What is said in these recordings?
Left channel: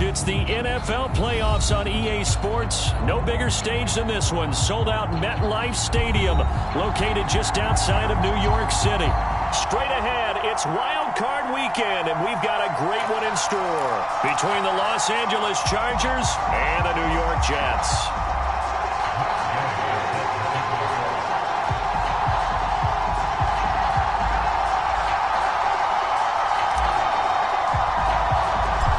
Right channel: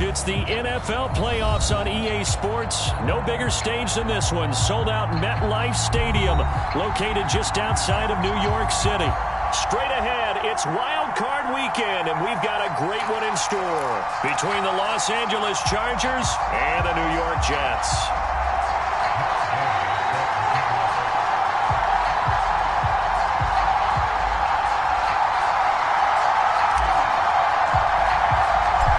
It's the NFL playoffs on EA Sports. No bigger stage than this one. Sold out MetLife Stadium, located just outside of New York City. Straight ahead, it's Wild Card Weekend, and we've got a great one in store between the Los Angeles Chargers and the New York Jets.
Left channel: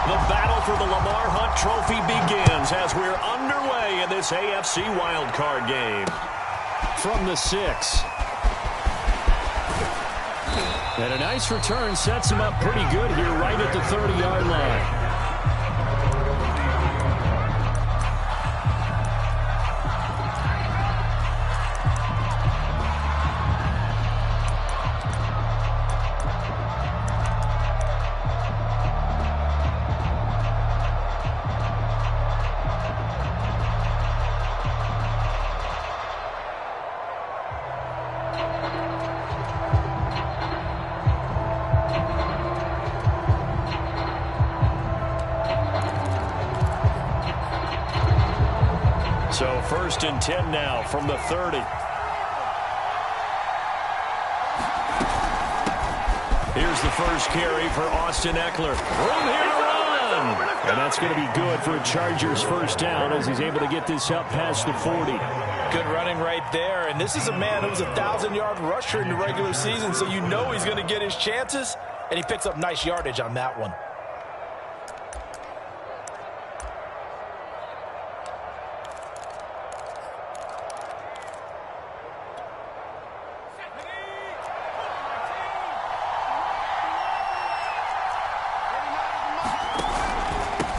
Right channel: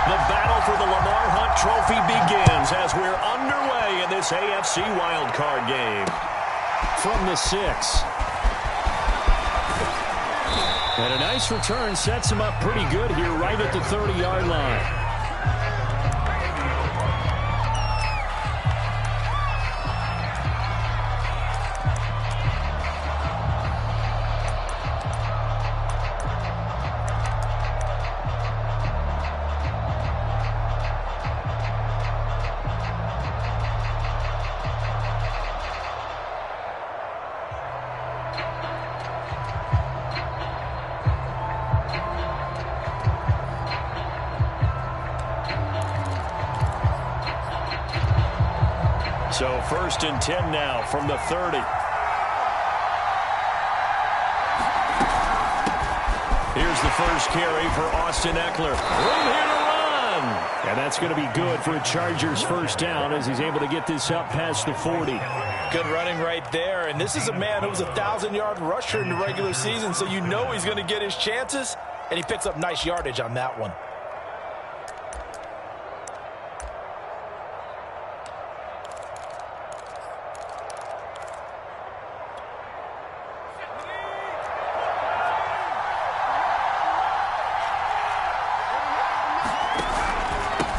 The battle for the Lamar Hunt Trophy begins as we're underway in this AFC wildcard game. From the 6. And a nice return sets him up pretty good here right at the 30-yard line. So 1st and 10 now from the 30. Here's the first carry for Austin Eckler. Room here to run. And that's going to be good for a Chargers first down as he's able to get this up past the 40. Good running right there. And this is a man who was a 1,000-yard rusher in the regular season, so you know he's going to get his chances. And he picks up nice yardage on that one.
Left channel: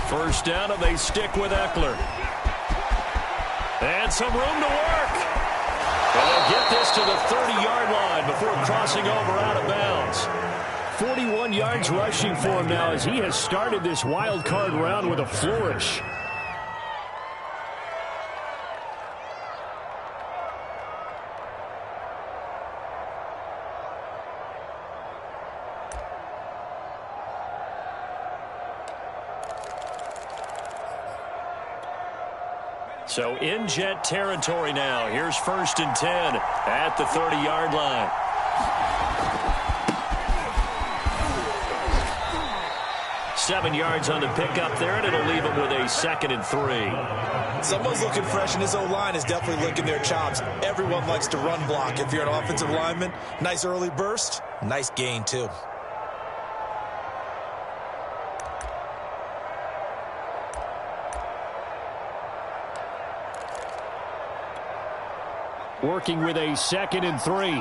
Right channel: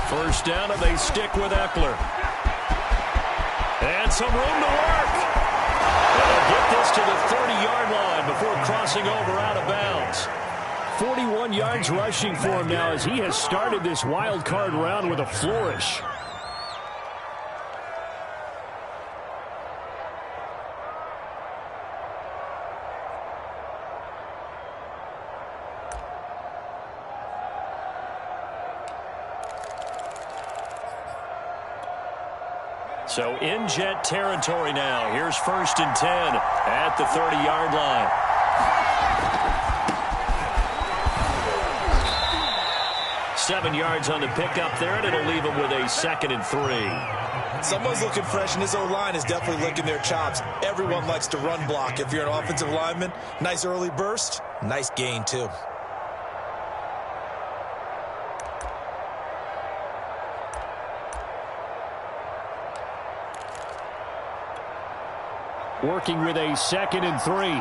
First down, and they stick with Eckler. And some room to work. And they'll get this to the 30-yard line before crossing over out of bounds. 41 yards rushing for him now as he has started this wild card round with a flourish. So in Jet territory now. Here's 1st and 10 at the 30-yard line. Seven yards on the pickup there, and it'll leave him with a 2nd and 3. Someone's looking fresh, and this O-line is definitely licking their chops. Everyone likes to run block. If you're an offensive lineman, nice early burst, nice gain too. Working with a 2nd and 3.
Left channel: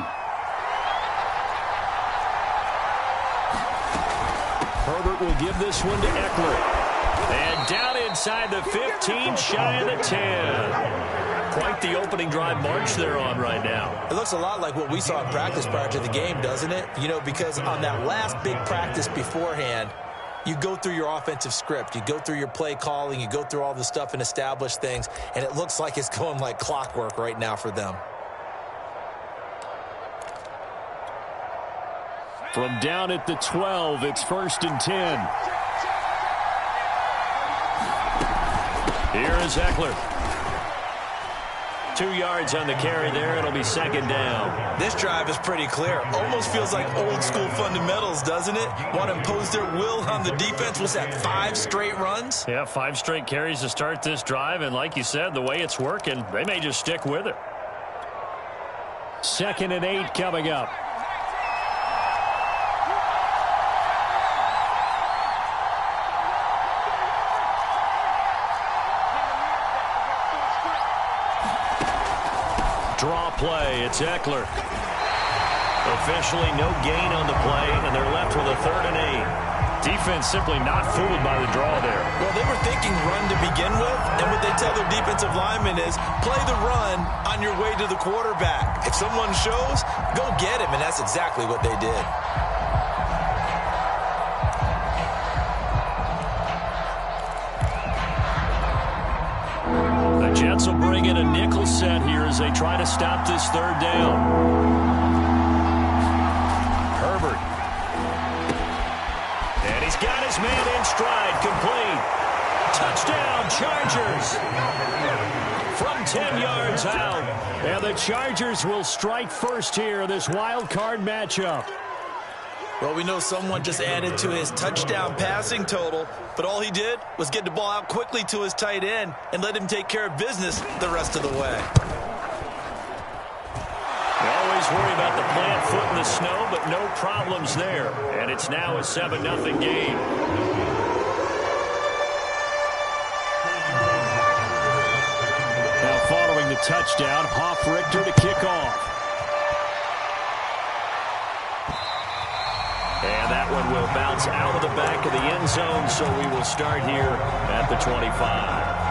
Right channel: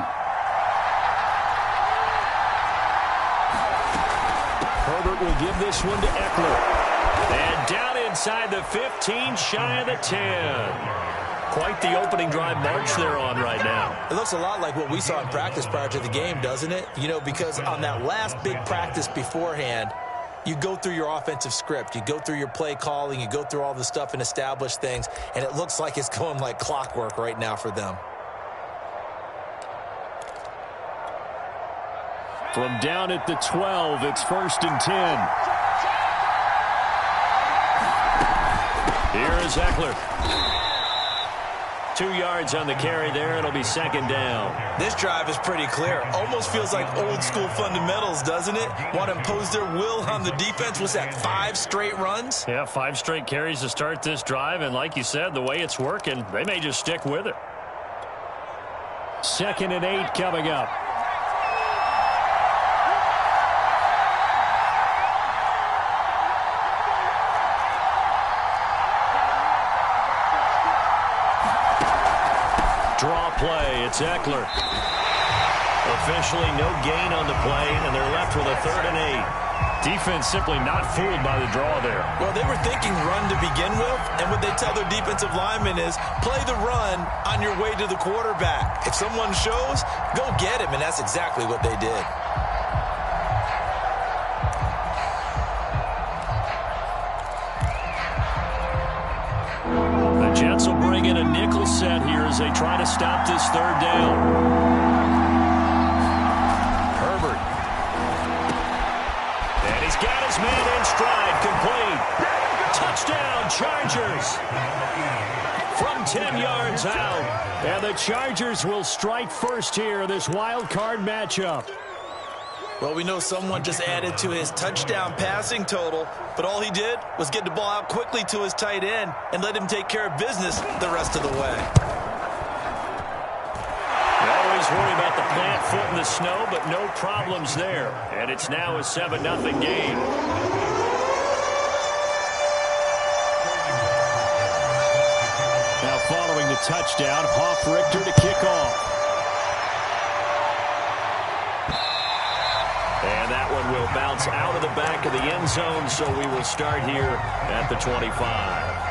Herbert will give this one to Eckler. And down inside the 15, shy of the 10. Quite the opening drive march they're on right now. It looks a lot like what we saw in practice prior to the game, doesn't it? You know, because on that last big practice beforehand, you go through your offensive script. You go through your play calling. You go through all the stuff and establish things. And it looks like it's going like clockwork right now for them. From down at the 12, it's 1st and 10. Here is Eckler. 2 yards on the carry there. It'll be 2nd down. This drive is pretty clear. Almost feels like old school fundamentals, doesn't it? Want to impose their will on the defense. What's that, 5 straight runs? Yeah, 5 straight carries to start this drive. And like you said, the way it's working, they may just stick with it. 2nd and 8 coming up. Draw play. It's Eckler. Officially no gain on the play, and they're left with a 3rd and 8. Defense simply not fooled by the draw there. Well, they were thinking run to begin with, and what they tell their defensive linemen is play the run on your way to the quarterback. If someone shows, go get him, and that's exactly what they did. The Jets will bring in a nickel set here as they try to stop this 3rd down. Herbert. And he's got his man in stride, complete. Touchdown, Chargers. From 10 yards out. And the Chargers will strike first here, this wild card matchup. Well, we know someone just added to his touchdown passing total, but all he did was get the ball out quickly to his tight end and let him take care of business the rest of the way. You always worry about the plant foot in the snow, but no problems there. And it's now a 7-0 game. Now following the touchdown, Hoff-Richter to kick off. And that one will bounce out of the back of the end zone, so we will start here at the 25.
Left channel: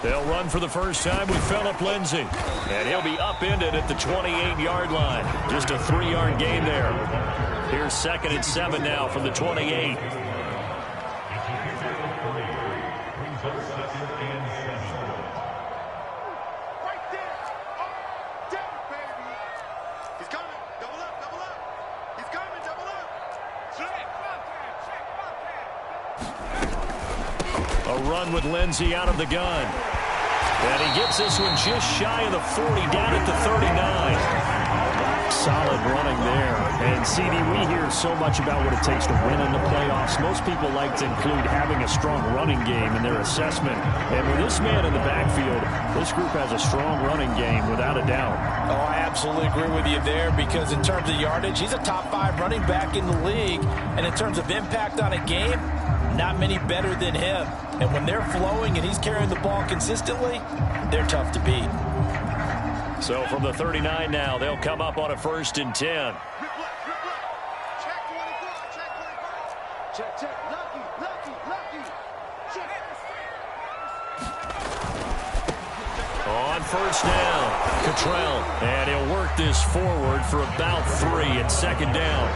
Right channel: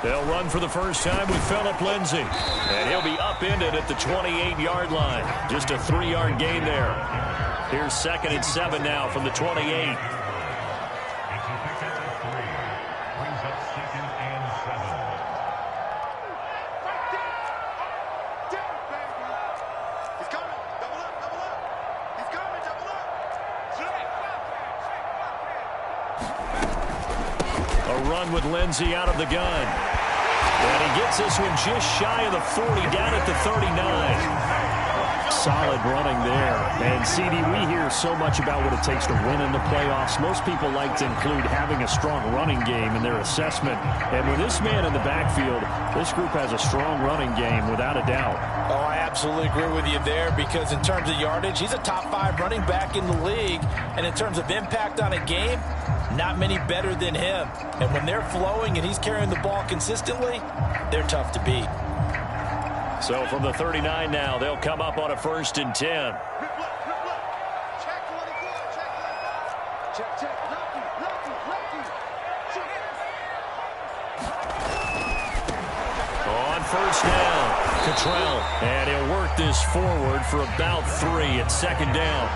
They'll run for the first time with Phillip Lindsay. And he'll be upended at the 28-yard line. Just a 3-yard gain there. Here's 2nd and 7 now from the 28. A run with Lindsay out of the gun. And he gets this one just shy of the 40, down at the 39. Solid running there. And, CD, we hear so much about what it takes to win in the playoffs. Most people like to include having a strong running game in their assessment. And with this man in the backfield, this group has a strong running game without a doubt. Oh, I absolutely agree with you there, because in terms of yardage, he's a top 5 running back in the league. And in terms of impact on a game, not many better than him. And when they're flowing and he's carrying the ball consistently, they're tough to beat. So from the 39 now, they'll come up on a 1st and 10. Check 24, check 25. Check, lucky. On 1st down, Cottrell. And he'll work this forward for about 3 at 2nd down.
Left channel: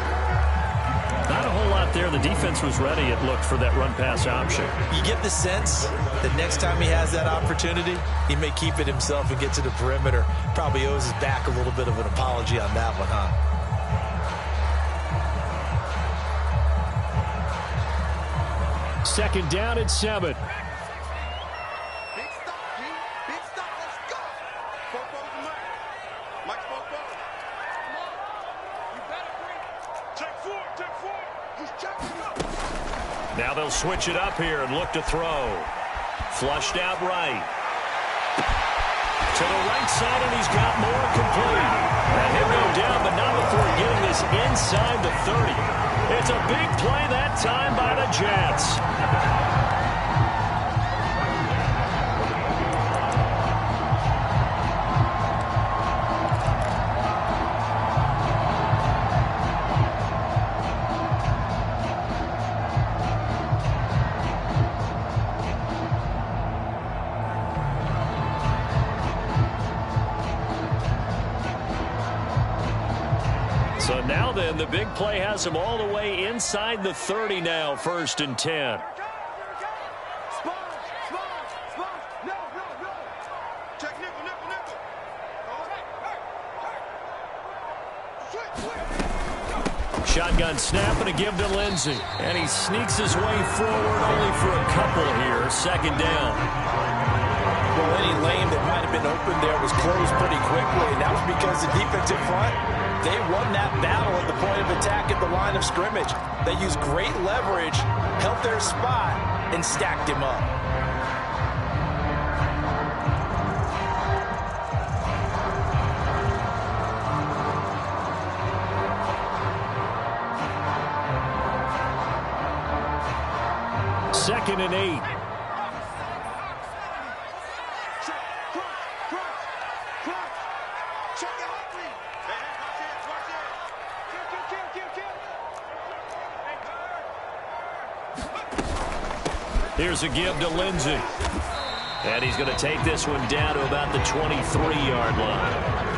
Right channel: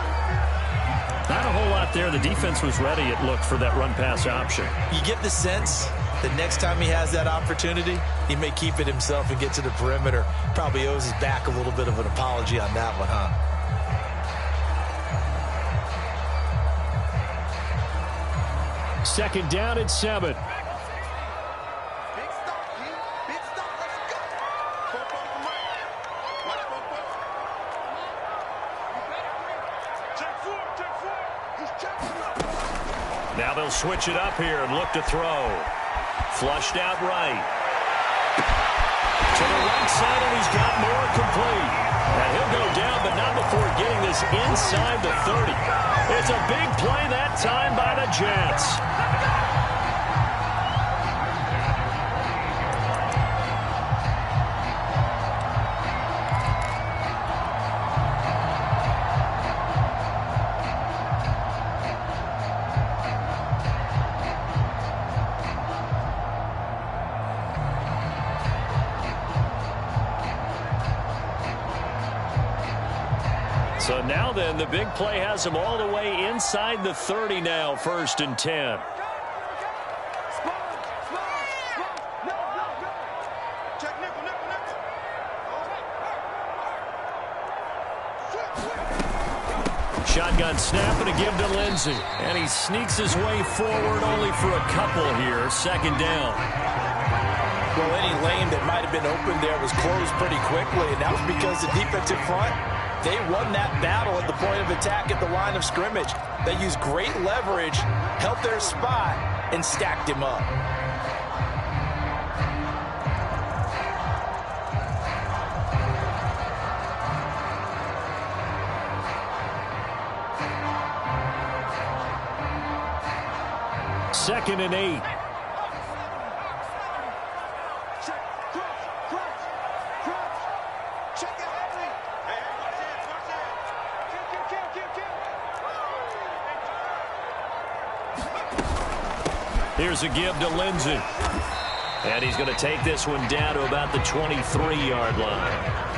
Not a whole lot there. The defense was ready, it looked, for that run-pass option. You get the sense that next time he has that opportunity, he may keep it himself and get to the perimeter. Probably owes his back a little bit of an apology on that one, huh? Second down at 7. Big stop, G. Big stop. Let's go. Four for Mike. Mike's four. Come on. You better bring it. Check 4. He's checking up. Now they'll switch it up here and look to throw. Flushed out right. To the right side, and he's got more complete. And he'll go down, but not before getting this inside the 30. It's a big play that time by the Jets. So now then, the big play has him all the way inside the 30 now, 1st and 10. Sponge. No. Check nickel. Oh. Shotgun snap and a give to Lindsay. And he sneaks his way forward only for a couple here, 2nd down. Well, any lane that might have been open there was closed pretty quickly, and that was because the defensive front, they won that battle at the point of attack at the line of scrimmage. They used great leverage, held their spot, and stacked him up. Second and 8. Check it, Henry. Hey, watch it. Kill. Here's a give to Lindsey. And he's going to take this one down to about the 23-yard line.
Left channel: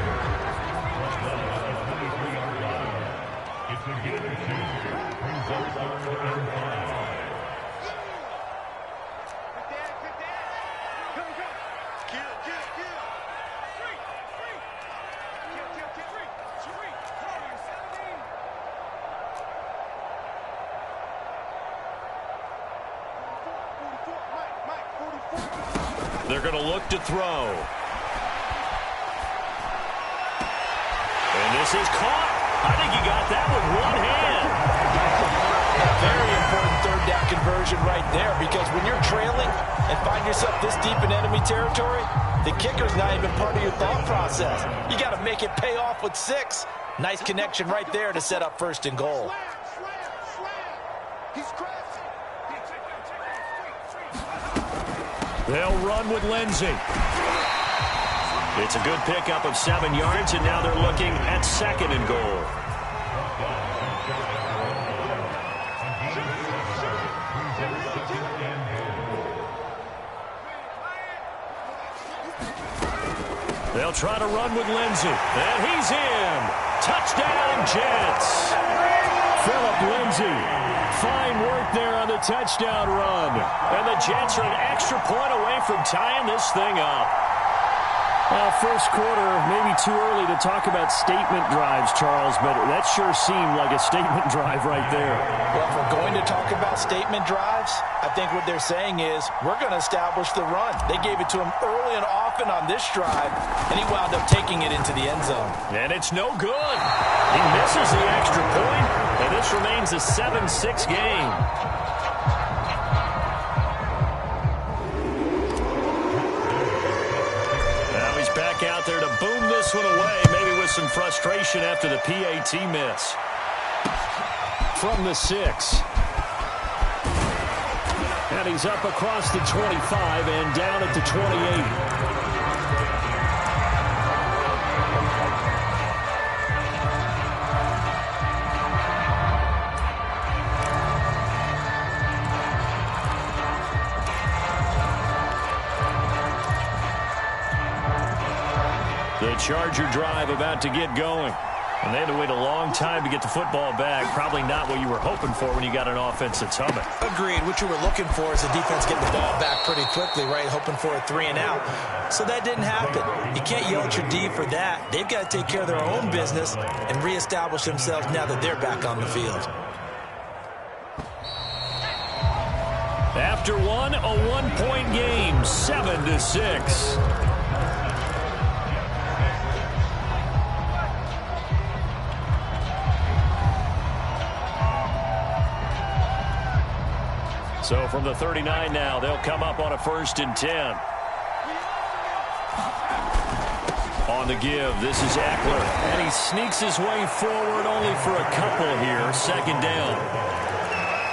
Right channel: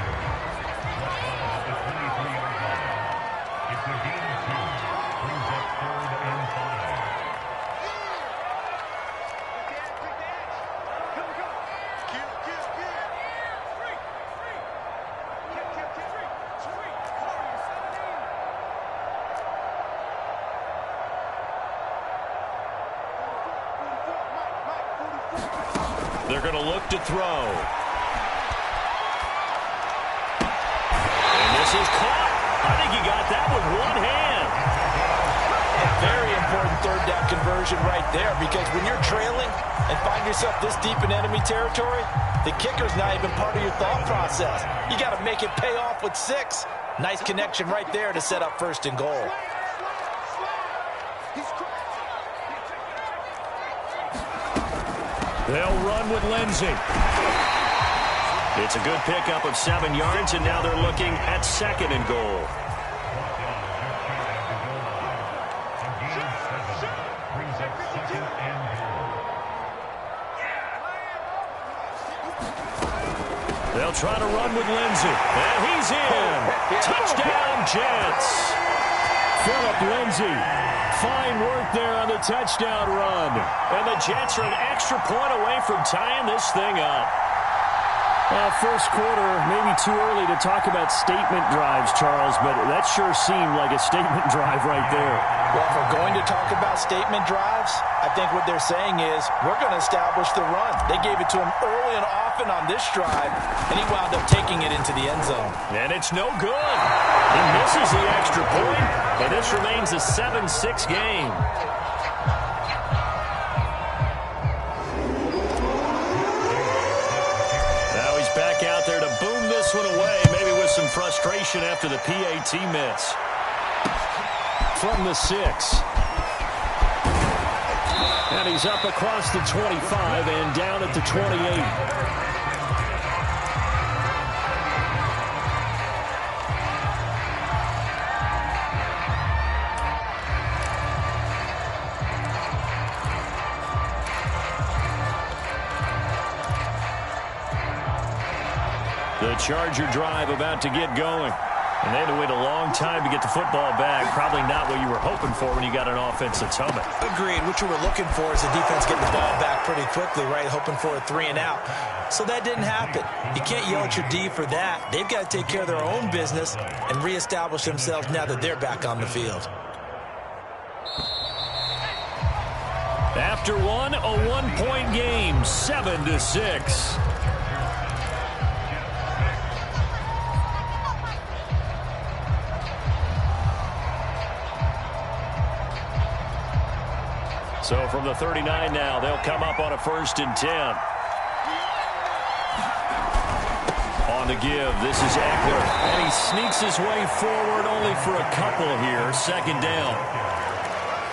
They're going to look to throw. And this is caught. I think he got that with one hand. A very important third down conversion right there, because when you're trailing and find yourself this deep in enemy territory, the kicker's not even part of your thought process. You got to make it pay off with 6. Nice connection right there to set up 1st and goal. They'll run with Lindsey. It's a good pickup of 7 yards, and now they're looking at 2nd and goal. They'll try to run with Lindsey. And he's in. Touchdown, Jets. Phillip Lindsey. Fine work there on the touchdown run. And the Jets are an extra point away from tying this thing up. Well, first quarter, maybe too early to talk about statement drives, Charles, but that sure seemed like a statement drive right there. Well, if we're going to talk about statement drives, I think what they're saying is we're going to establish the run. They gave it to him early and often on this drive, and he wound up taking it into the end zone. And it's no good. He misses the extra point, and this remains a 7-6 game. Now he's back out there to boom this one away, maybe with some frustration after the PAT miss. From the 6. And he's up across the 25 and down at the 28. The Charger drive about to get going. And they had to wait a long time to get the football back. Probably not what you were hoping for when you got an offense that's humming. Agreed. What you were looking for is the defense getting the ball back pretty quickly, right? Hoping for a 3 and out. So that didn't happen. You can't yell at your D for that. They've got to take care of their own business and reestablish themselves now that they're back on the field. After one, a 1-point game, 7-6. So from the 39 now, they'll come up on a 1st and 10. On the give, this is Eckler. And he sneaks his way forward only for a couple here. 2nd down.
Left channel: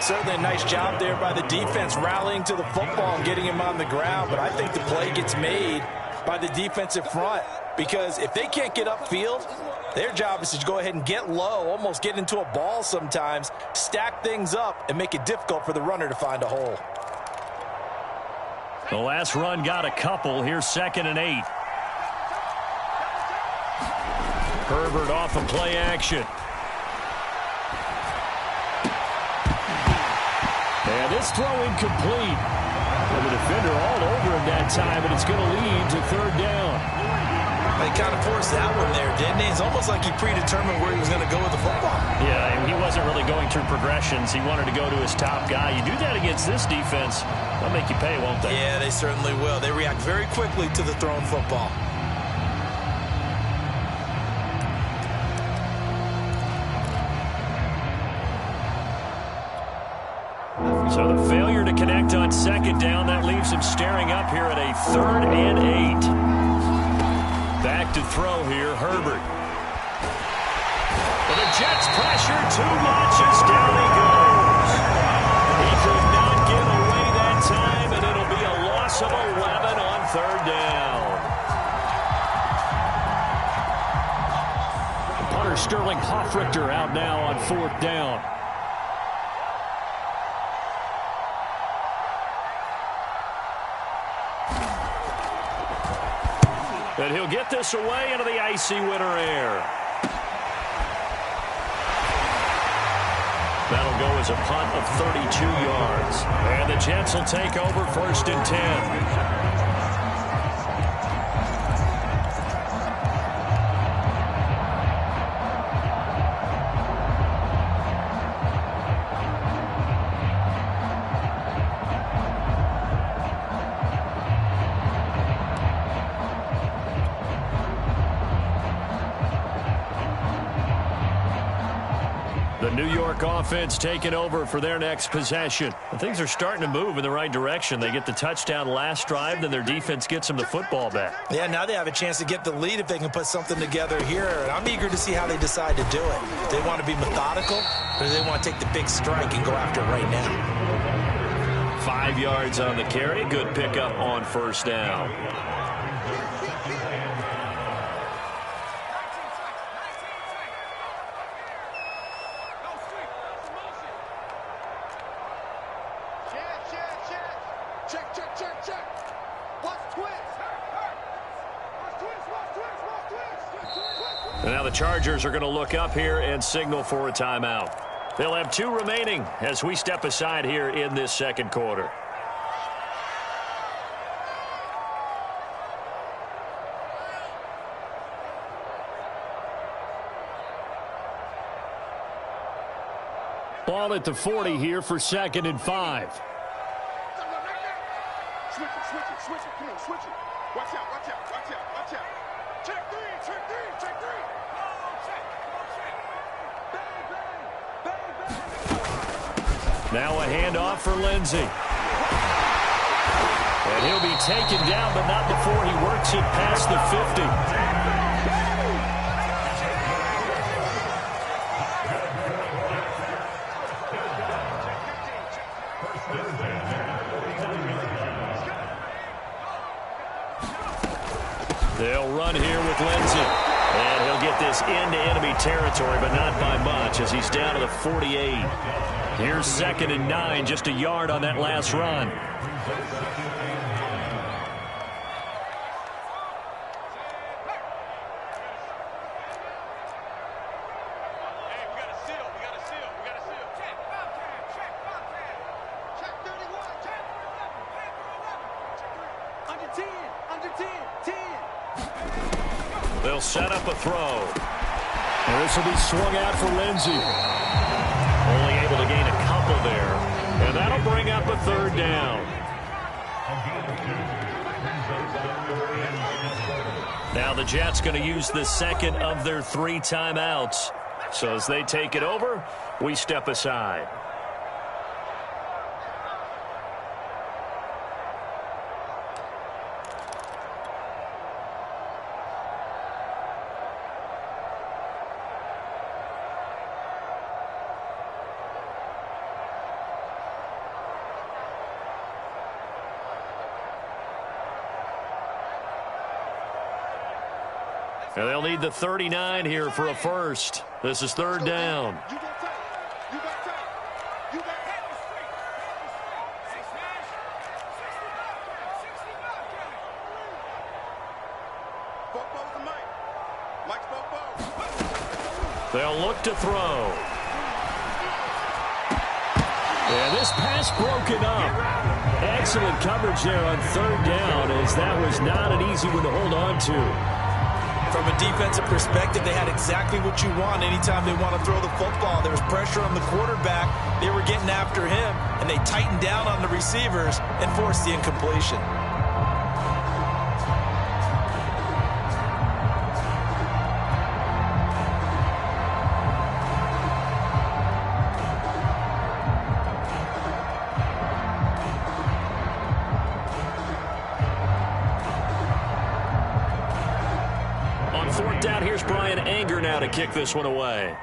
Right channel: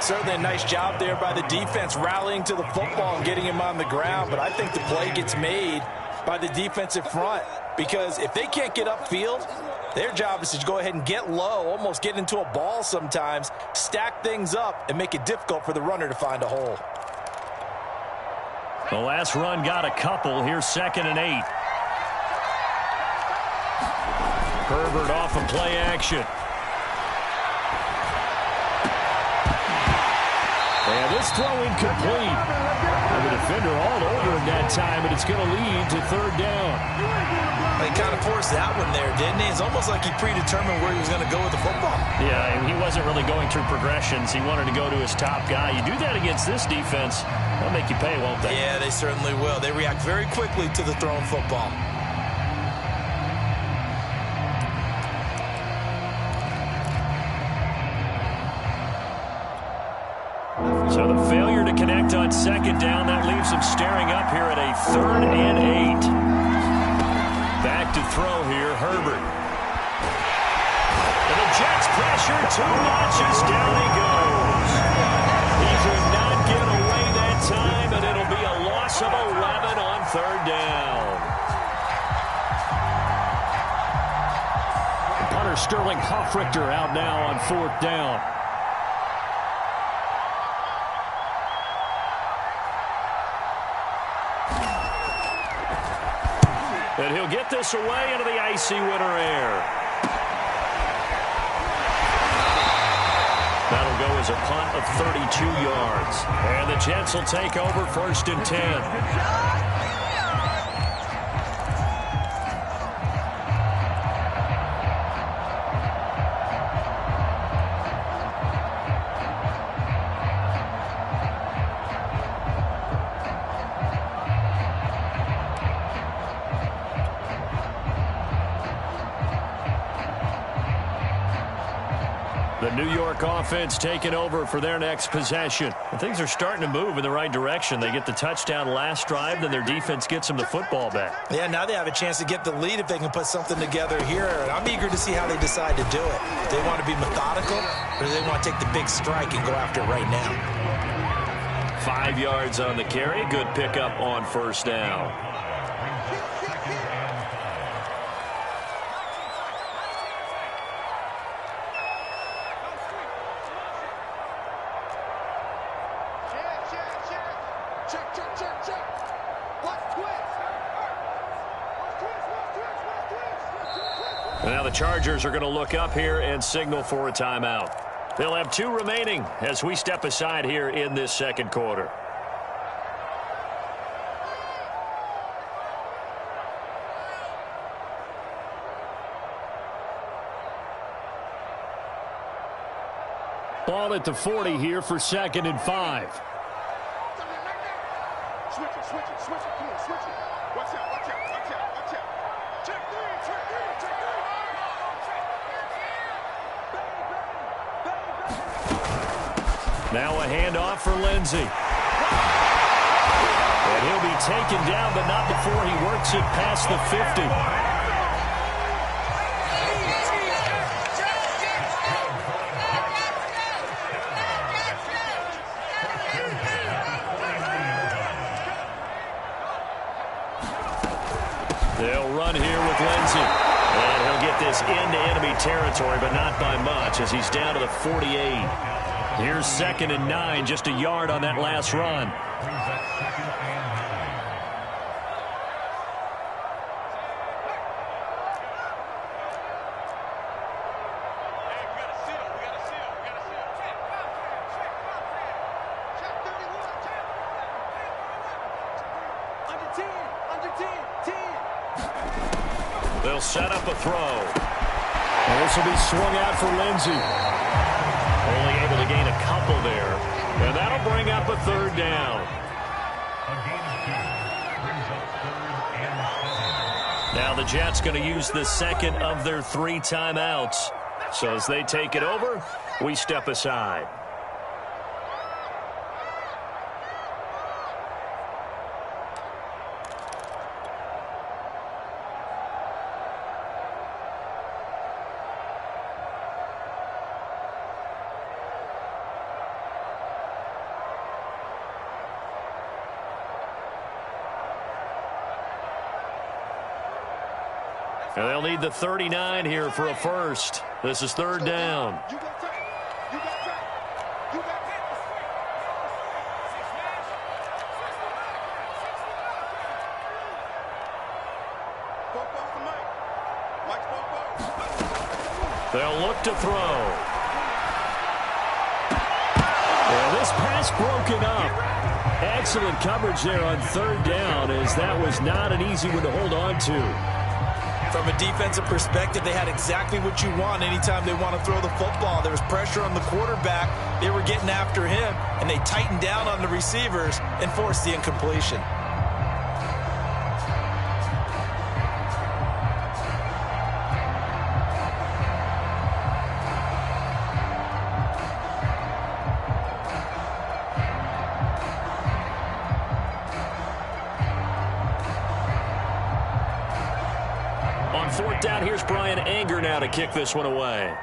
Certainly a nice job there by the defense rallying to the football and getting him on the ground. But I think the play gets made by the defensive front, because if they can't get upfield, their job is to go ahead and get low, almost get into a ball sometimes, stack things up, and make it difficult for the runner to find a hole. The last run got a couple. Here's 2nd and 8. Herbert off of play action. And this throw incomplete. And the defender all over him that time, and it's going to lead to 3rd down. He kind of forced that one there, didn't he? It's almost like he predetermined where he was going to go with the football. Yeah, he wasn't really going through progressions. He wanted to go to his top guy. You do that against this defense, they'll make you pay, won't they? Yeah, they certainly will. They react very quickly to the thrown football. So the failure to connect on 2nd down, that leaves them staring up here at a 3rd and 8. Back to throw here, Herbert. And the Jets pressure too much as down he goes. He could not get away that time, and it'll be a loss of 11 on 3rd down. The punter Sterling Hoffrichter out now on 4th down. And he'll get this away into the icy winter air. That'll go as a punt of 32 yards. And the Jets will take over 1st and 10. The New York offense taking over for their next possession. And things are starting to move in the right direction. They get the touchdown last drive, then their defense gets them the football back. Yeah, now they have a chance to get the lead if they can put something together here. And I'm eager to see how they decide to do it. Do they want to be methodical, or do they want to take the big strike and go after it right now? 5 yards on the carry. Good pickup on 1st down. And now the Chargers are going to look up here and signal for a timeout. They'll have 2 remaining as we step aside here in this 2nd quarter. Ball at the 40 here for 2nd and 5. Switch it. Come on, switch it. Watch out. Check 3. Now a handoff for Lindsey. And he'll be taken down, but not before he works it past the 50. They'll run here with Lindsey. And he'll get this into enemy territory, but not by much as he's down to the 48. Here's 2nd and 9, just a yard on that last run. Hey, we got a seal. Check, Bobcat. Check 31. Check 11. Under 10. They'll set up a throw. And this will be swung out for Lindsey. Only able to gain a couple there. And that'll bring up a 3rd down. Now the Jets going to use the 2nd of their 3 timeouts. So as they take it over, we step aside. And they'll need the 39 here for a first. This is 3rd down. You got tight. You got hit the street. Six smash. 60 Bobo's the Mike. Mike's Bobo. They'll look to throw. And this pass broken up. Excellent coverage there on 3rd down, as that was not an easy one to hold on to. From a defensive perspective, they had exactly what you want anytime they want to throw the football. There was pressure on the quarterback. They were getting after him, and they tightened down on the receivers and forced the incompletion. On 4th down, here's Brian Anger now to kick this one away.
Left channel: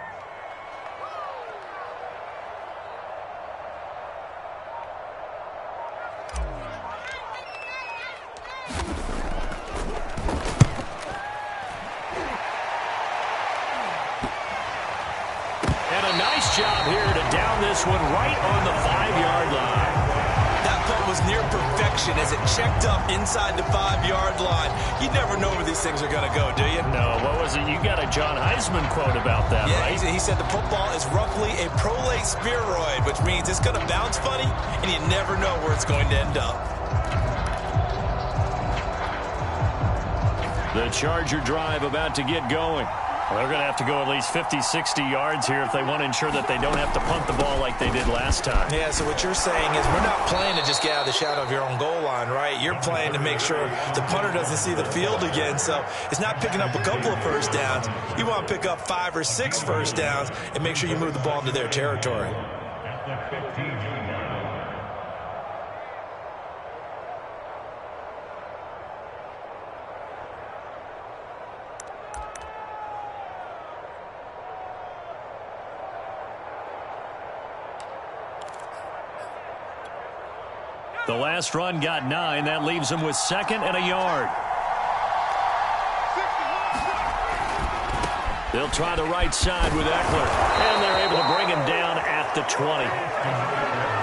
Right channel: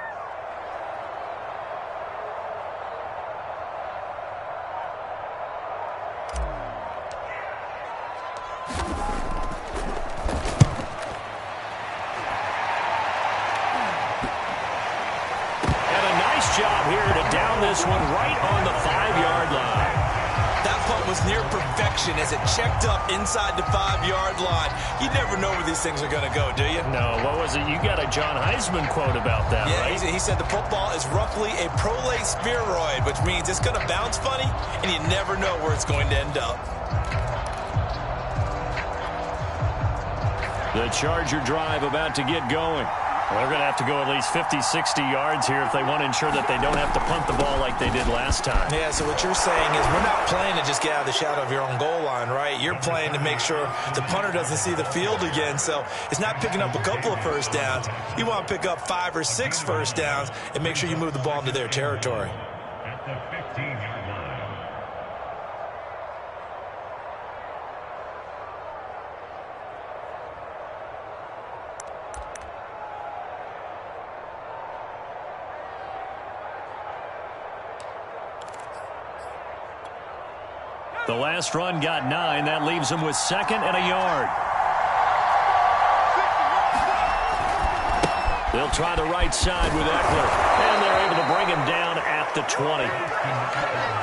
And a nice job here to down this one right on the 5-yard line. That punt was near perfection as it checked up inside the 5-yard line. You never know where these things are going to go, do you? No, what was it? You got a John Heisman quote about that, yeah, right? He said the football is roughly a prolate spheroid, which means it's going to bounce funny, and you never know where it's going to end up. The Charger drive about to get going. Well, they're going to have to go at least 50, 60 yards here if they want to ensure that they don't have to punt the ball like they did last time. Yeah, so what you're saying is we're not playing to just get out of the shadow of your own goal line, right? You're playing to make sure the punter doesn't see the field again. So it's not picking up a couple of first downs. You want to pick up 5 or 6 first downs and make sure you move the ball into their territory. At the 15-yard line. The last run got 9. That leaves them with 2nd and a yard. They'll try the right side with Eckler, and they're able to bring him down at the 20.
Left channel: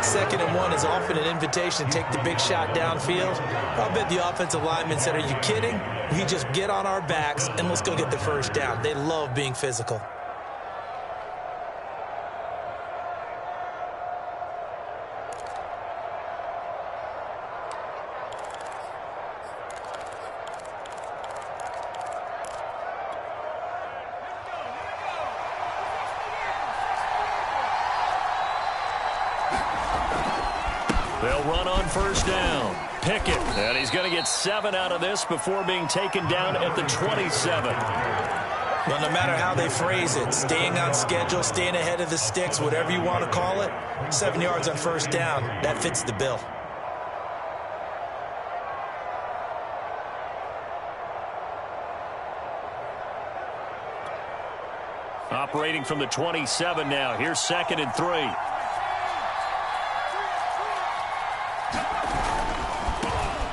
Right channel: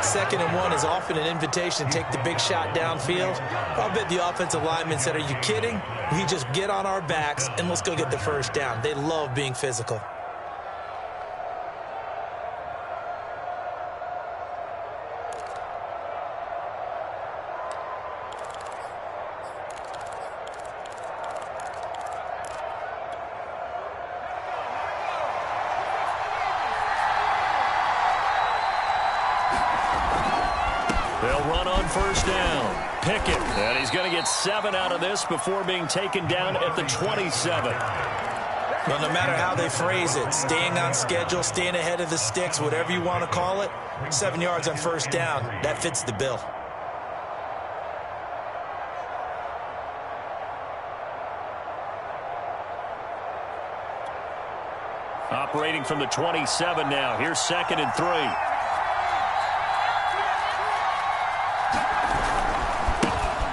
2nd and 1 is often an invitation to take the big shot downfield. I'll bet the offensive lineman said, "Are you kidding? We just get on our backs and let's go get the first down." They love being physical. They'll run on first down. Pickett, and he's going to get 7 out of this before being taken down at the 27. Well, no matter how they phrase it, staying on schedule, staying ahead of the sticks, whatever you want to call it, 7 yards on first down, that fits the bill. Operating from the 27 now. Here's 2nd and 3.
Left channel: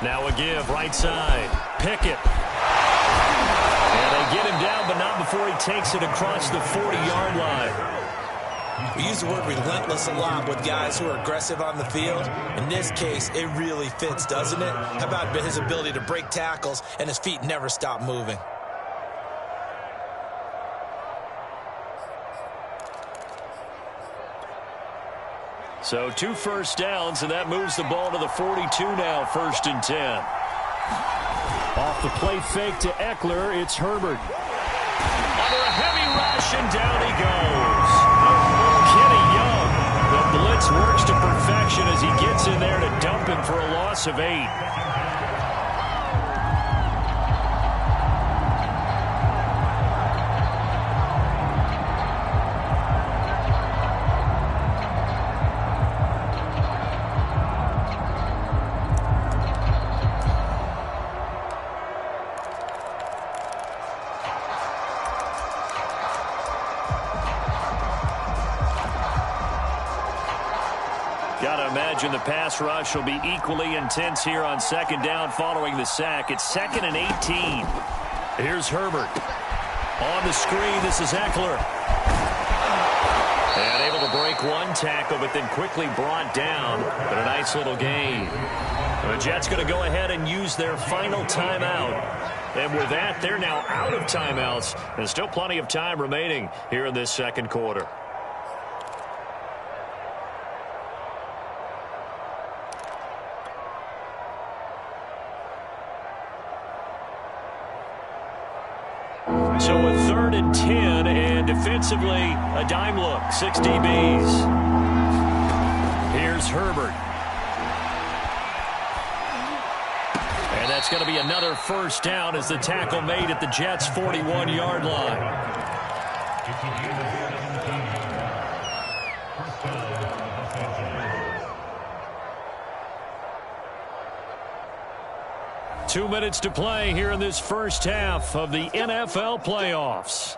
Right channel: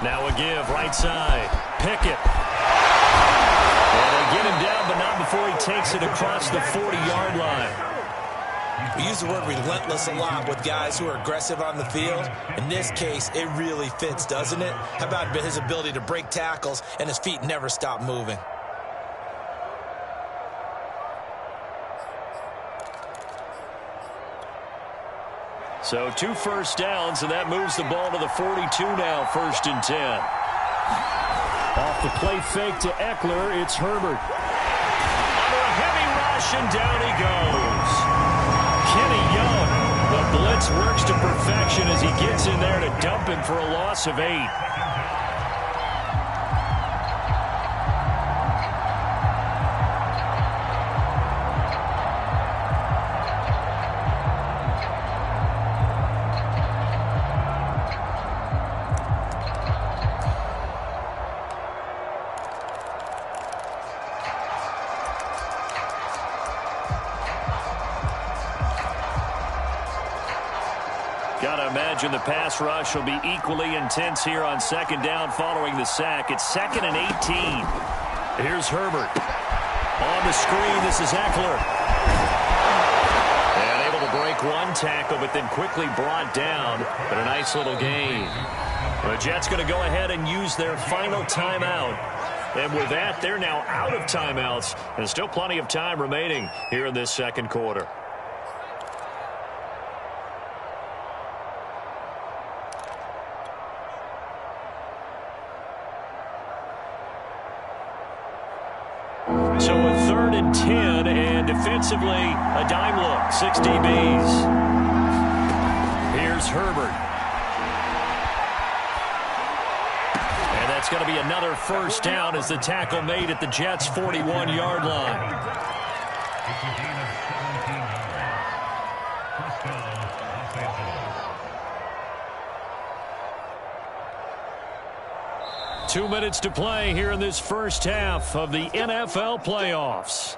Now a give, right side. Pickett. And they get him down, but not before he takes it across the 40-yard line. We use the word relentless a lot with guys who are aggressive on the field. In this case, it really fits, doesn't it? How about his ability to break tackles and his feet never stop moving? So 2 first downs, and that moves the ball to the 42 now, 1st and 10. Off the play fake to Eckler, it's Herbert. Under a heavy rush, and down he goes. Kenny Young, the blitz works to perfection as he gets in there to dump him for a loss of 8. Got to imagine the pass rush will be equally intense here on 2nd down following the sack. It's 2nd and 18. Here's Herbert. On the screen, this is Eckler. And able to break 1 tackle, but then quickly brought down. But a nice little gain. The Jets going to go ahead and use their final timeout. And with that, they're now out of timeouts. And still plenty of time remaining here in this 2nd quarter. So a 3rd and 10, and defensively, a dime look, 6 DBs. Here's Herbert. And that's going to be another first down as the tackle made at the Jets' 41-yard line. It's a gain of 17 yards. First down, offensive. 2 minutes to play here in this first half of the NFL playoffs.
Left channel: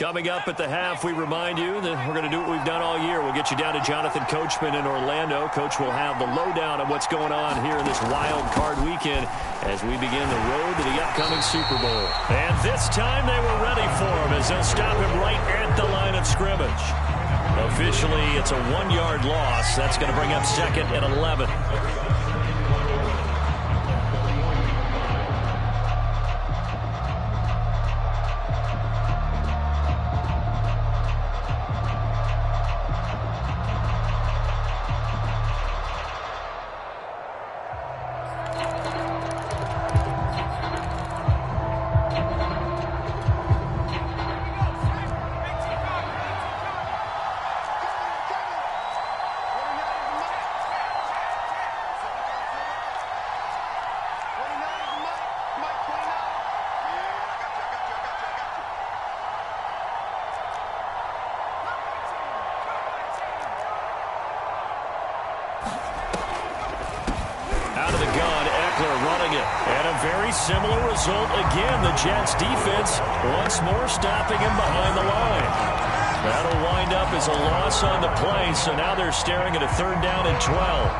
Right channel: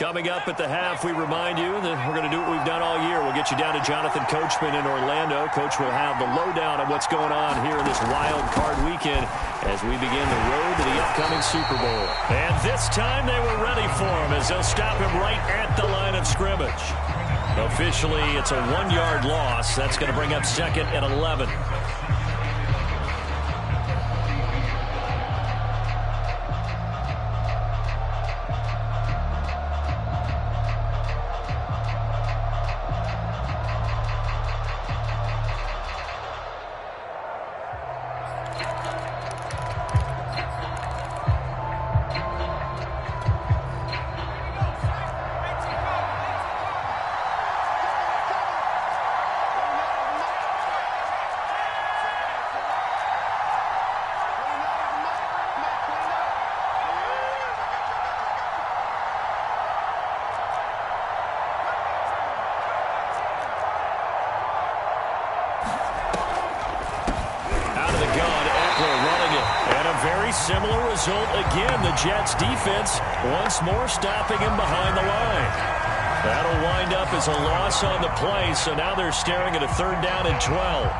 Coming up at the half, we remind you that we're going to do what we've done all year. We'll get you down to Jonathan Coachman in Orlando. Coach will have the lowdown of what's going on here in this wild card weekend as we begin the road to the upcoming Super Bowl. And this time they were ready for him as they'll stop him right at the line of scrimmage. Officially, it's a 1-yard loss. That's going to bring up 2nd and 11. Similar result again. The Jets defense once more stopping him behind the line. That'll wind up as a loss on the play, so now they're staring at a 3rd down and 12.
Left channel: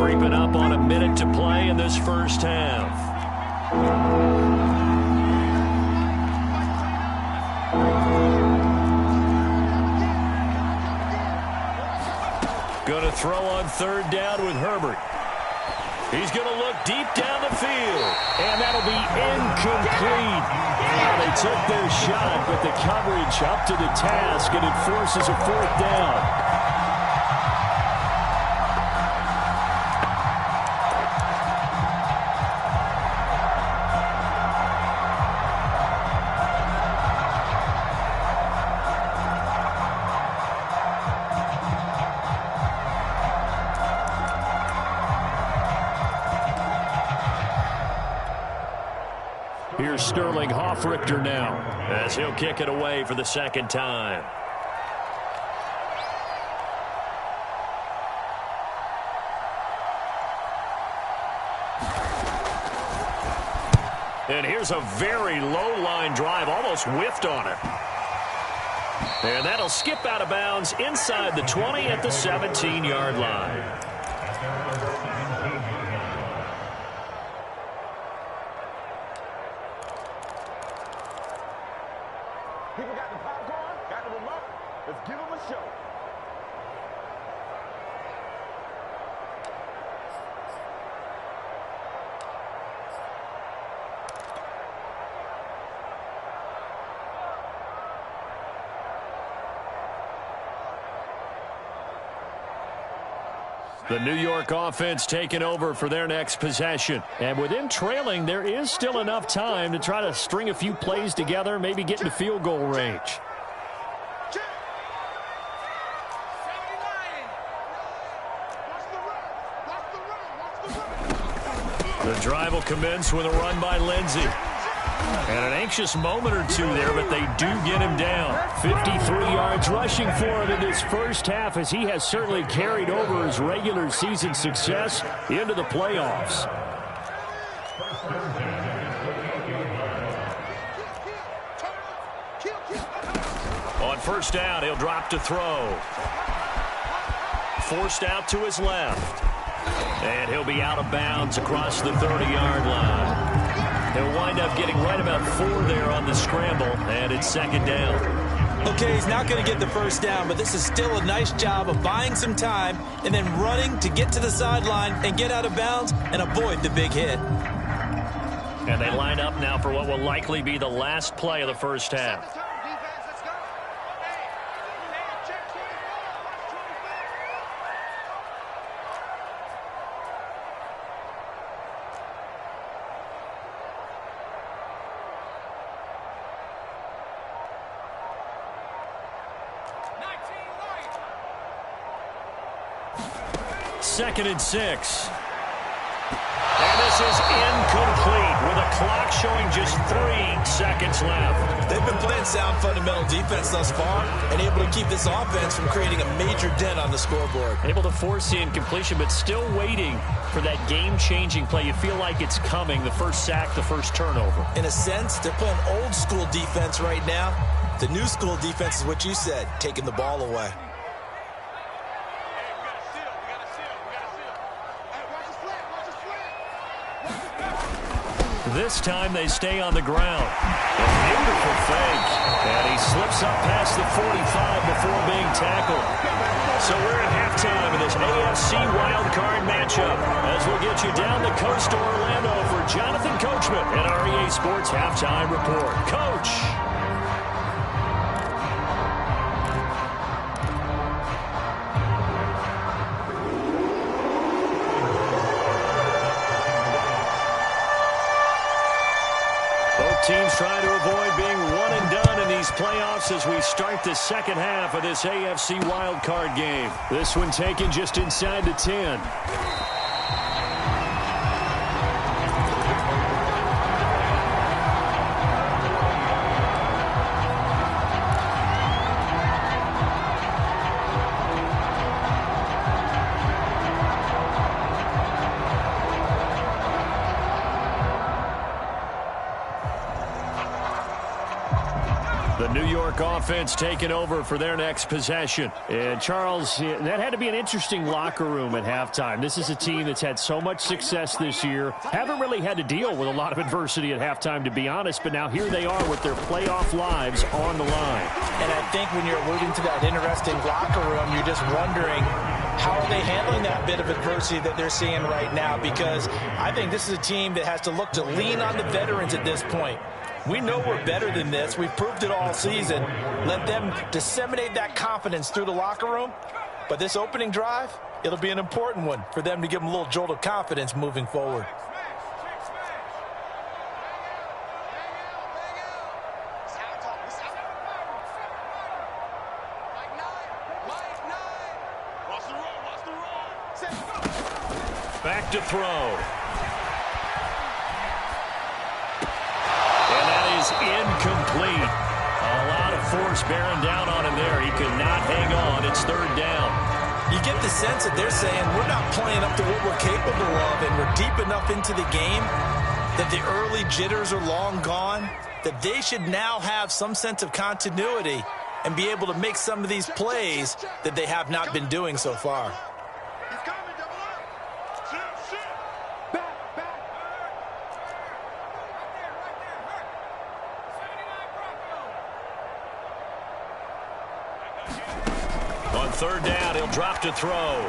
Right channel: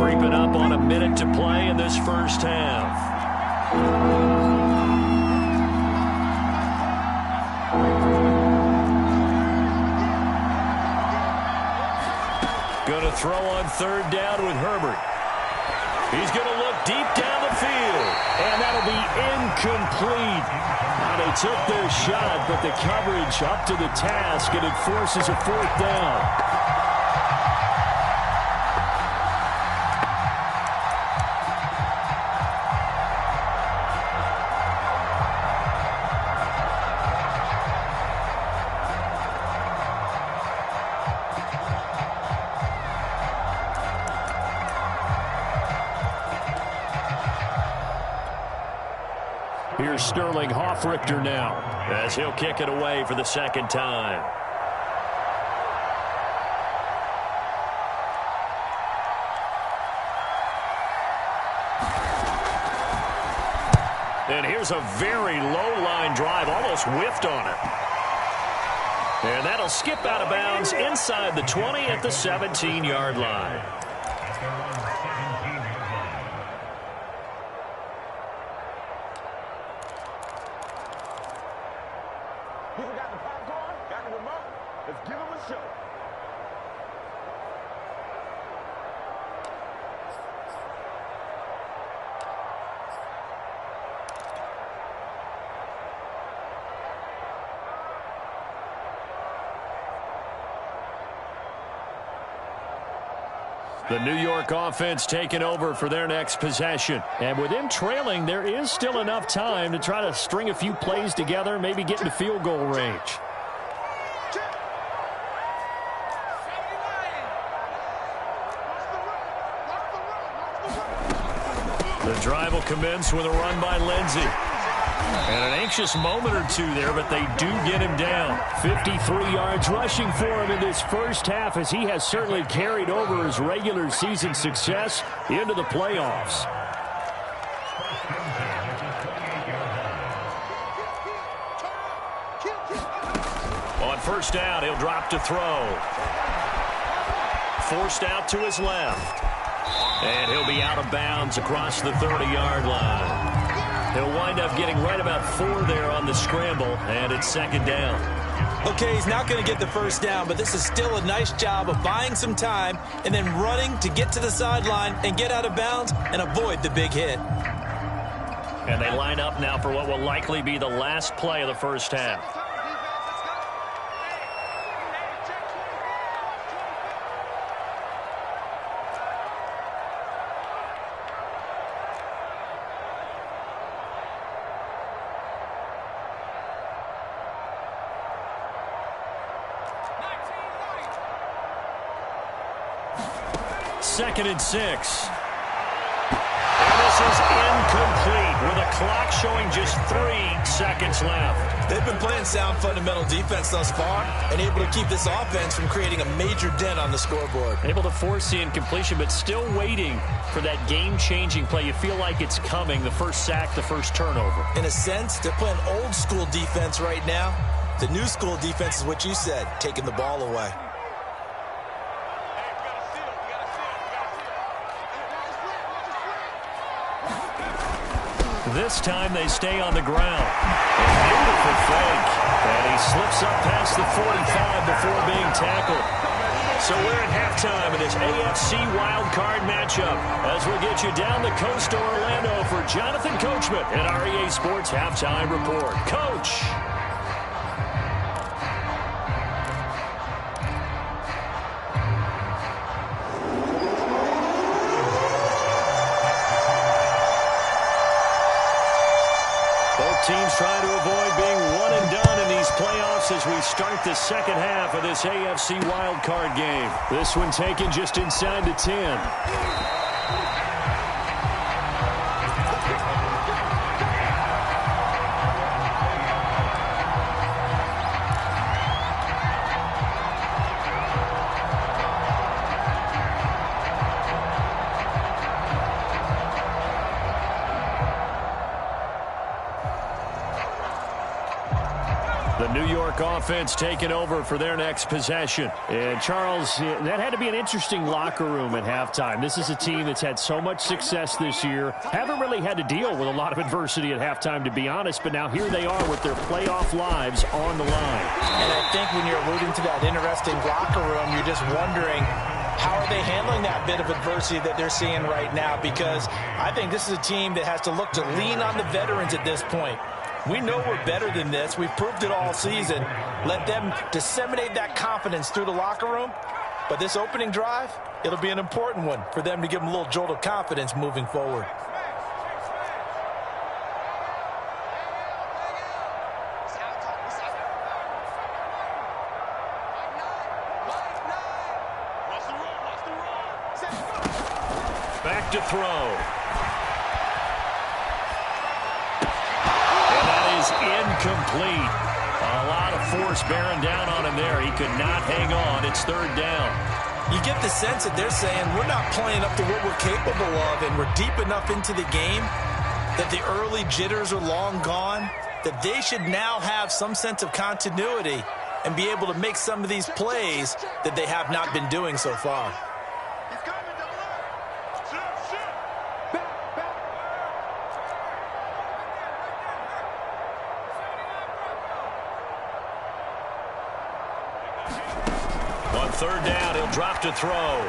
Creeping up on a minute to play in this first half. Going to throw on 3rd down with Herbert. He's going to look deep down the field, and that'll be incomplete. Now they took their shot, but the coverage up to the task, and it forces a 4th down. Here's Sterling Hoffrichter now as he'll kick it away for the 2nd time. And here's a very low line drive, almost whiffed on it. And that'll skip out of bounds inside the 20 at the 17-yard line. People got the popcorn, got the remote. Let's give them a show. The New York offense taking over for their next possession. And with them trailing, there is still enough time to try to string a few plays together, maybe get into field goal range. The drive will commence with a run by Lindsey. And an anxious moment or two there, but they do get him down. 53 yards rushing for him in this first half, as he has certainly carried over his regular season success into the playoffs. On 1st down, he'll drop to throw. Forced out to his left. And he'll be out of bounds across the 30-yard line. He'll wind up getting right about 4 there on the scramble, and it's 2nd down. Okay, he's not going to get the 1st down, but this is still a nice job of buying some time and then running to get to the sideline and get out of bounds and avoid the big hit. And they line up now for what will likely be the last play of the first half. Second and 6. And this is incomplete with with a clock showing just 3 seconds left. They've been playing sound fundamental defense thus far and able to keep this offense from creating a major dent on the scoreboard. Able to force the incompletion, but still waiting for that game-changing play. You feel like it's coming, the first sack, the first turnover. In a sense, they're playing old-school defense right now. The new school defense is what you said, taking the ball away. This time they stay on the ground. A beautiful fake. And he slips up past the 45 before being tackled. So we're at halftime in this AFC wildcard matchup as we'll get you down the coast to Orlando for Jonathan Coachman in our EA Sports Halftime Report. Coach. Both teams trying to avoid being one and done in these playoffs as we start the second half of this AFC wildcard game. This one taken just inside the 10. The New York offense taking over for their next possession. And, Charles, that had to be an interesting locker room at halftime. This is a team that's had so much success this year. Haven't really had to deal with a lot of adversity at halftime, to be honest. But now here they are with their playoff lives on the line. And I think when you're alluding to that interesting locker room, you're just wondering, how are they handling that bit of adversity that they're seeing right now? Because I think this is a team that has to look to lean on the veterans at this point. We know we're better than this. We've proved it all season. Let them disseminate that confidence through the locker room. But this opening drive, it'll be an important one for them to give them a little jolt of confidence moving forward. Back to throw. Incomplete. A lot of force bearing down on him there. He could not hang on. It's third down. You get the sense that they're saying we're not playing up to what we're capable of, and we're deep enough into the game that the early jitters are long gone, that they should now have some sense of continuity and be able to make some of these plays that they have not been doing so far. Third down, he'll drop to throw.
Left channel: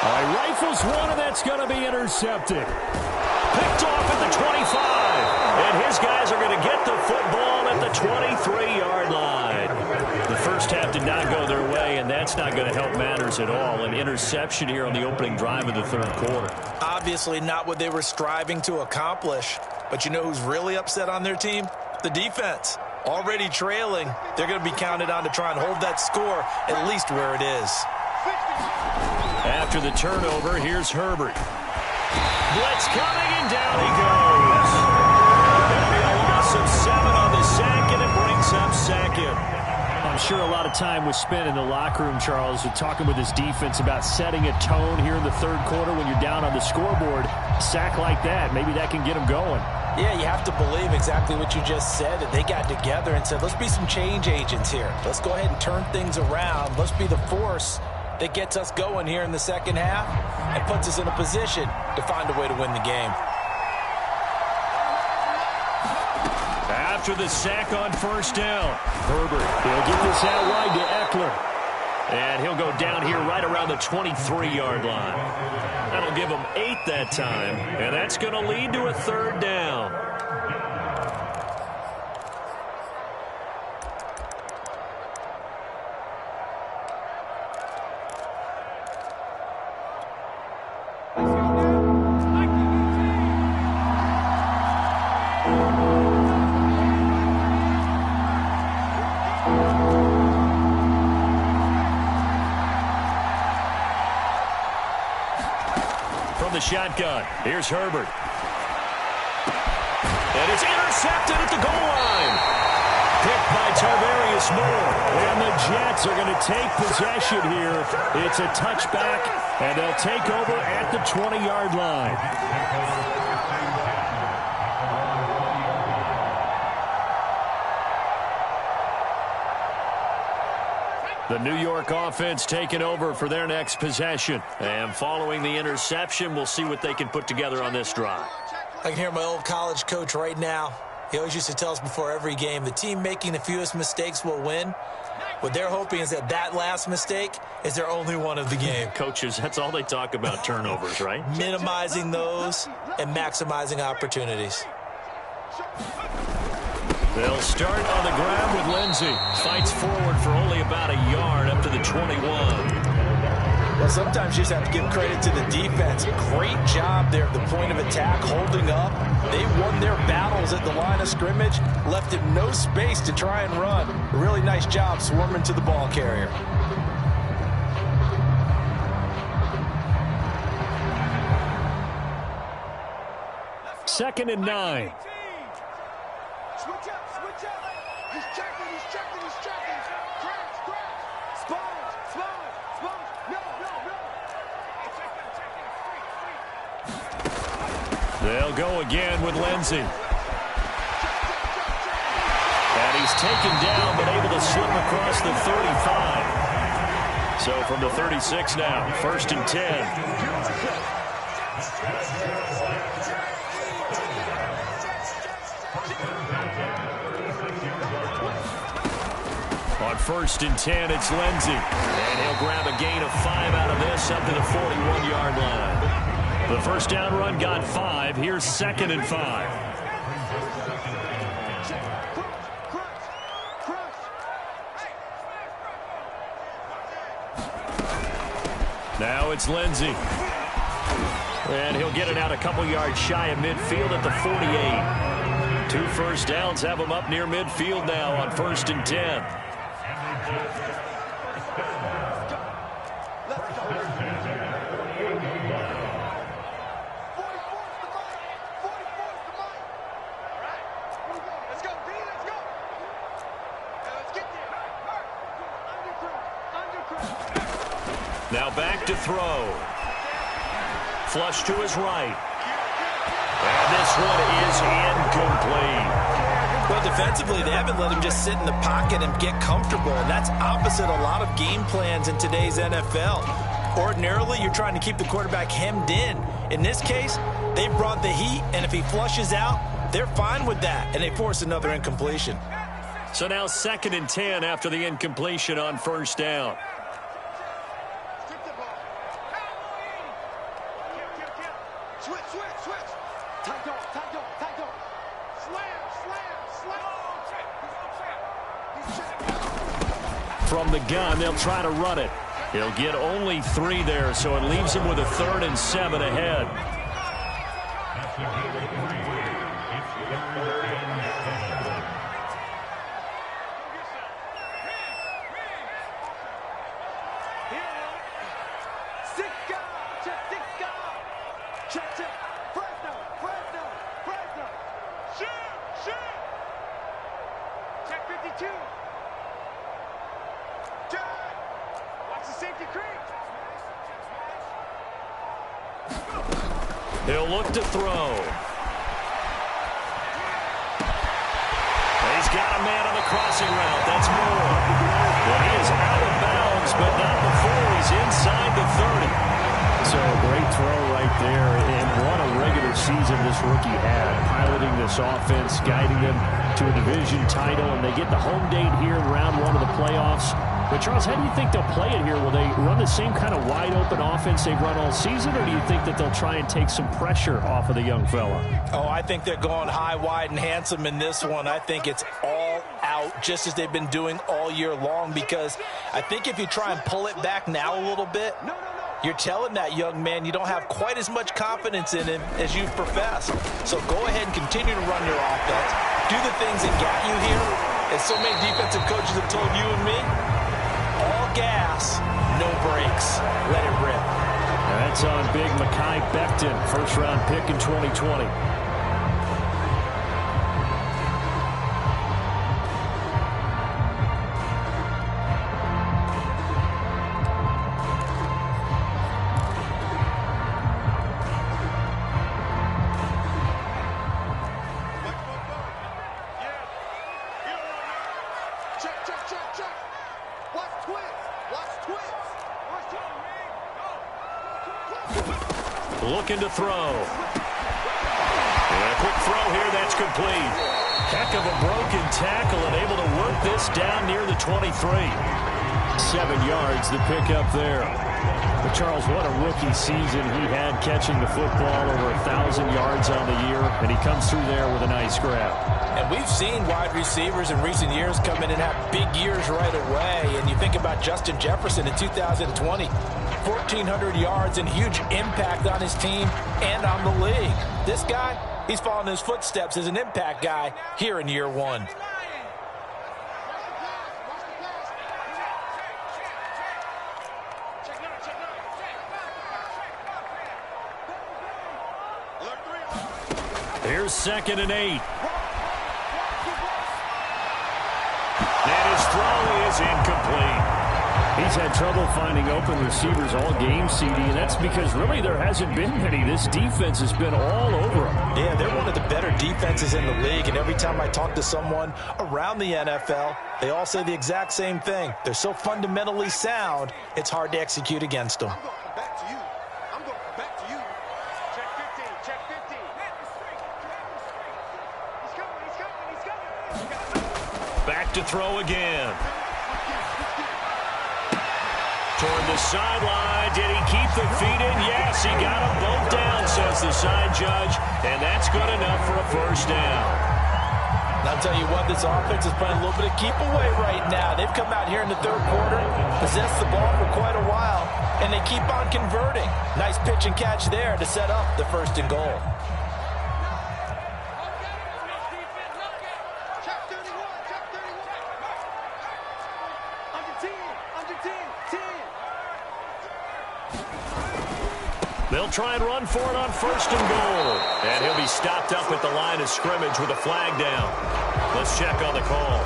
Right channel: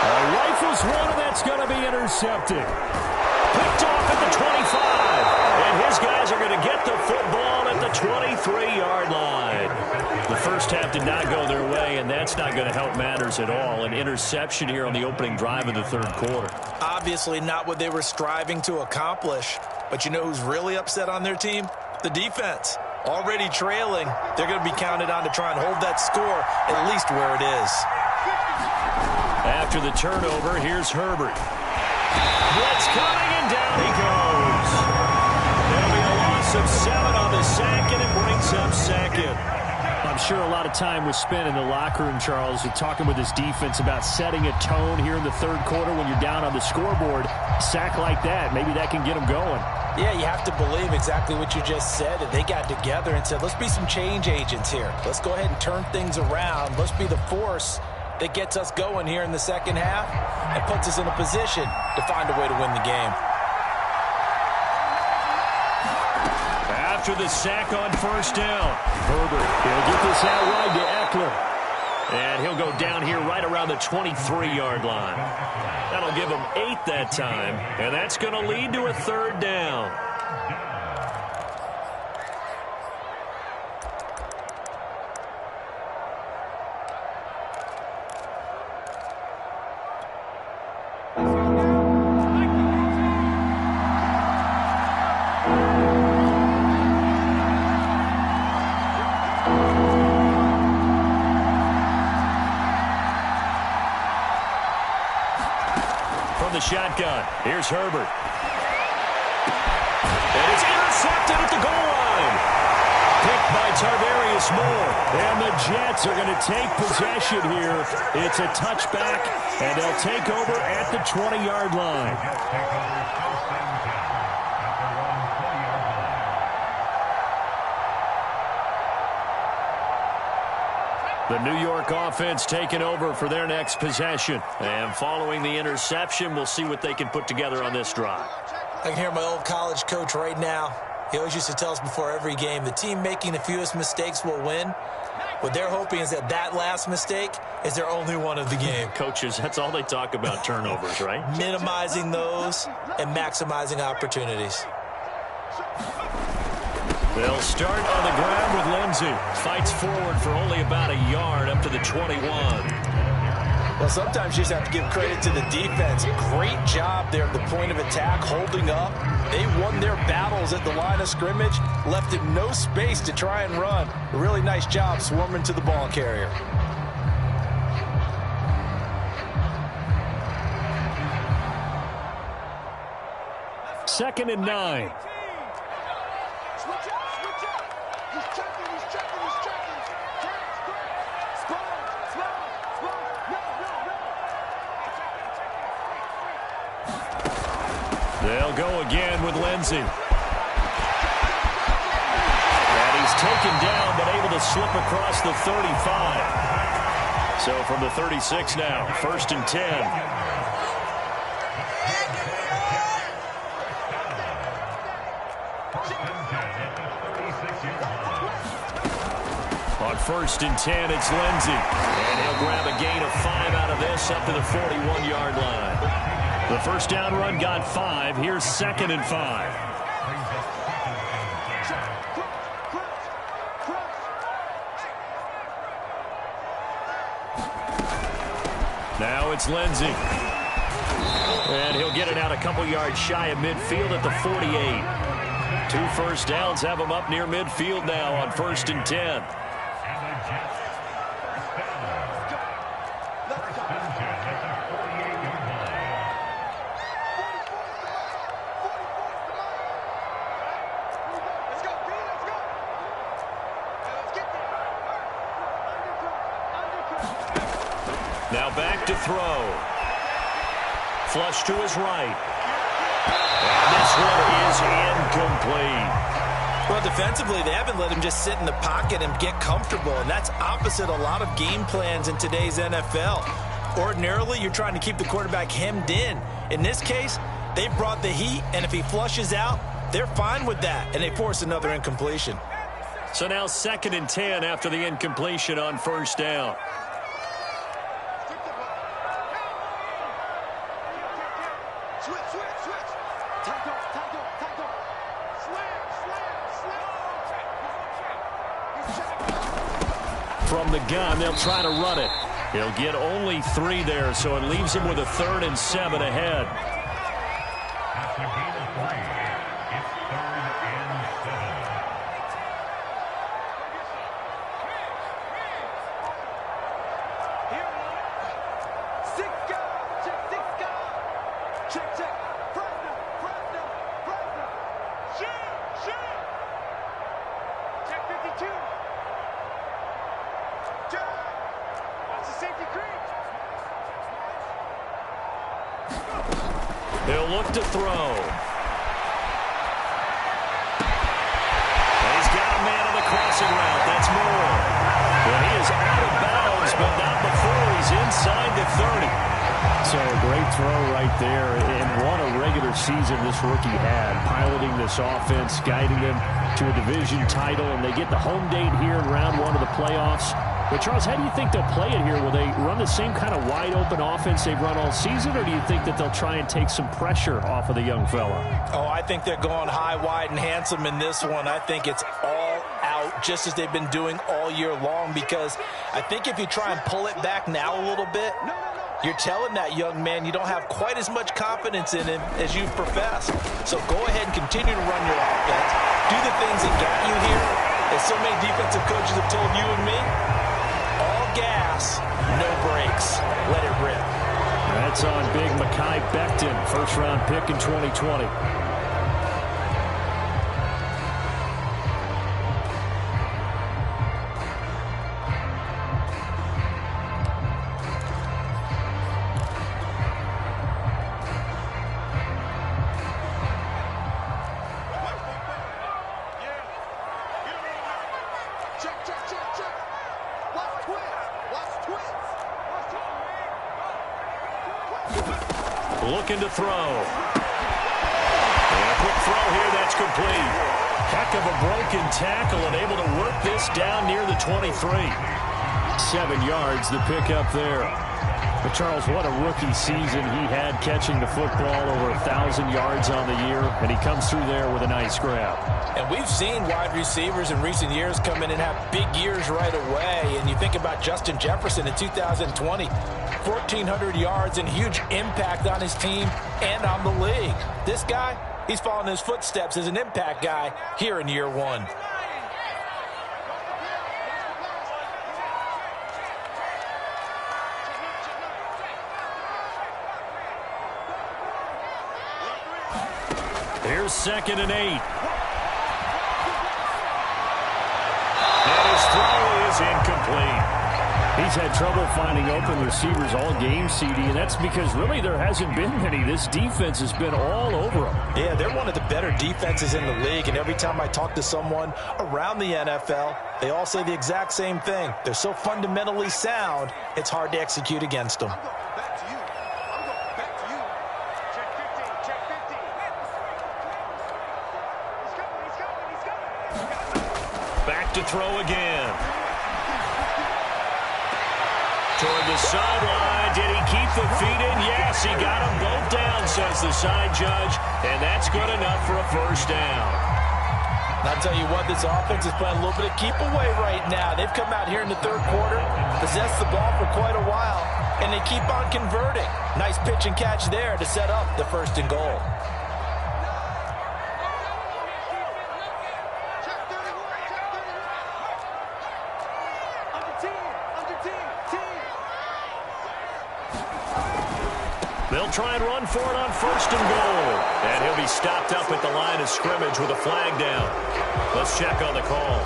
Rifles one, and that's going to be intercepted. Picked off at the 25. And his guys are going to get the football at the 23-yard line. The first half did not go their way, and that's not going to help matters at all. An interception here on the opening drive of the third quarter. Obviously not what they were striving to accomplish. But you know who's really upset on their team? The defense. Already trailing, they're going to be counted on to try and hold that score at least where it is. After the turnover, here's Herbert. Blitz coming, and down he goes. There'll be a loss of 7 on the sack, and it brings up second. I'm sure a lot of time was spent in the locker room, Charles, talking with his defense about setting a tone here in the third quarter when you're down on the scoreboard. A sack like that, maybe that can get them going. Yeah, you have to believe exactly what you just said, that they got together and said, let's be some change agents here. Let's go ahead and turn things around. Let's be the force that gets us going here in the second half and puts us in a position to find a way to win the game. After the sack on first down, Herbert, he'll get this out wide to Eckler. And he'll go down here right around the 23-yard line. That'll give him 8 that time, and that's going to lead to a third down. From the shotgun, here's Herbert. And it's intercepted at the goal line. Picked by Tarvarius Moore. And the Jets are going to take possession here. It's a touchback, and they'll take over at the 20-yard line. The New York offense taking over for their next possession. And following the interception, we'll see what they can put together on this drive. I can hear my old college coach right now. He always used to tell us before every game, the team making the fewest mistakes will win. What they're hoping is that that last mistake is their only one of the game. Coaches, that's all they talk about, turnovers, right? Minimizing those and maximizing opportunities. They'll start on the ground with Lindsey. Fights forward for only about a yard up to the 21. Well, sometimes you just have to give credit to the defense. Great job there at the point of attack, holding up. They won their battles at the line of scrimmage, left him no space to try and run. A really nice job swarming to the ball carrier. Second and 9. Switch up, switch up. He's checking, he's checking, he's checking. Crash. Sponge. No. Hey, check that. They'll go again with Lindsey. And he's taken down, but able to slip across the 35. So from the 36 now, first and 10. On first and 10, it's Lindsey. And he'll grab a gain of 5 out of this up to the 41-yard line. The first down run got 5. Here's second and 5. Now it's Lindsey. And he'll get it out a couple yards shy of midfield at the 48. 2 first downs have him up near midfield now on first and 10. Now back to throw. Flush to his right. And this one is incomplete. Well, defensively, they haven't let him just sit in the pocket and get comfortable, and that's opposite a lot of game plans in today's NFL. Ordinarily, you're trying to keep the quarterback hemmed in. In this case, they brought the heat, and if he flushes out, they're fine with that, and they force another incompletion. So now second and 10 after the incompletion on first down. From the gun, they'll try to run it. He'll get only 3 there, so it leaves him with a 3rd and 7 ahead. That's a gain of 3. It's 3rd and 7. Check. Fresno. Shoot. Check 52. Watch the safety creep. He'll look to throw. He's got a man on the crossing route. That's Moore. And he is out of bounds, but not before he's inside the 30. So a great throw right there, and what a regular season this rookie had, piloting this offense, guiding them to a division title, and they get the home date here in round 1 of the playoffs. But, Charles, how do you think they'll play it here? Will they run the same kind of wide-open offense they've run all season, or do you think that they'll try and take some pressure off of the young fella? Oh, I think they're going high, wide, and handsome in this one. I think it's all out, just as they've been doing all year long, because I think if you try and pull it back now a little bit, you're telling that young man you don't have quite as much confidence in him as you've professed. So go ahead and continue to run your offense. Do the things that got you here. As so many defensive coaches have told you and me, all gas, no brakes. Let it rip. That's on big Mekhi Becton, first-round pick in 2020. Check, check, check, check. Watch twins. Watch twins. Watch twins. Looking to throw. And a quick throw here, that's complete. Heck of a broken tackle and able to work this down near the 23. 7 yards, the pickup there. But, Charles, what a rookie season he had catching the football, over 1,000 yards on the year, and he comes through there with a nice grab. And we've seen wide receivers in recent years come in and have big years right away. And you think about Justin Jefferson in 2020, 1,400 yards and huge impact on his team and on the league. This guy, he's following his footsteps as an impact guy here in year one. Here's 2nd and 8. And his throw is incomplete. He's had trouble finding open receivers all game, CD, and that's because really there hasn't been many. This defense has been all over him. Yeah, they're one of the better defenses in the league, and every time I talk to someone around the NFL, they all say the exact same thing. They're so fundamentally sound, it's hard to execute against them. I'm going to come back to you. I'm going to come back to you. Check 15. Check 15. He's coming. He's coming. He's coming. Back to throw again. Toward the sideline. Did he keep the feet in? Yes, he got them both down, says the side judge. And that's good enough for a first down. And I'll tell you what, this offense is playing a little bit of keep away right now. They've come out here in the third quarter, possessed the ball for quite a while, and they keep on converting. Nice pitch and catch there to set up the 1st and goal. Check 31. Check 31. Under 10. Under 10. 10. They'll try and run for it on 1st and goal. And he'll be stopped up at the line of scrimmage with a flag down. Let's check on the call.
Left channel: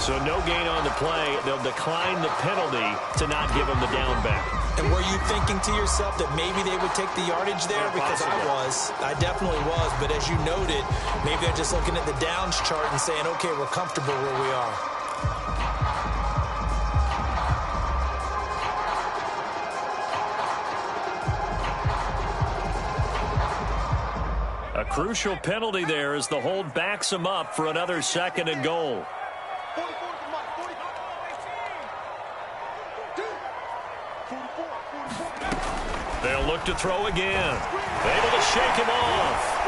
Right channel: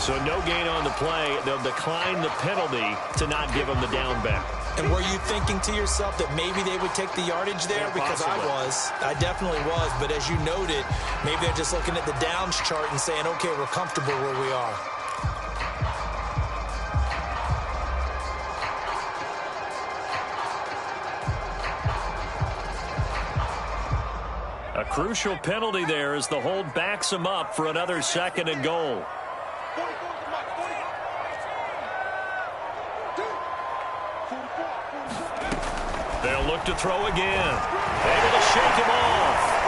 So no gain on the play. They'll decline the penalty to not give him the down back. And were you thinking to yourself that maybe they would take the yardage there? Yeah, because possibly. I was. I definitely was. But as you noted, maybe they're just looking at the downs chart and saying, okay, we're comfortable where we are. A crucial penalty there as the hold backs him up for another 2nd and goal. 44 is the mark. 44. 44. They'll look to throw again. Able to shake him off.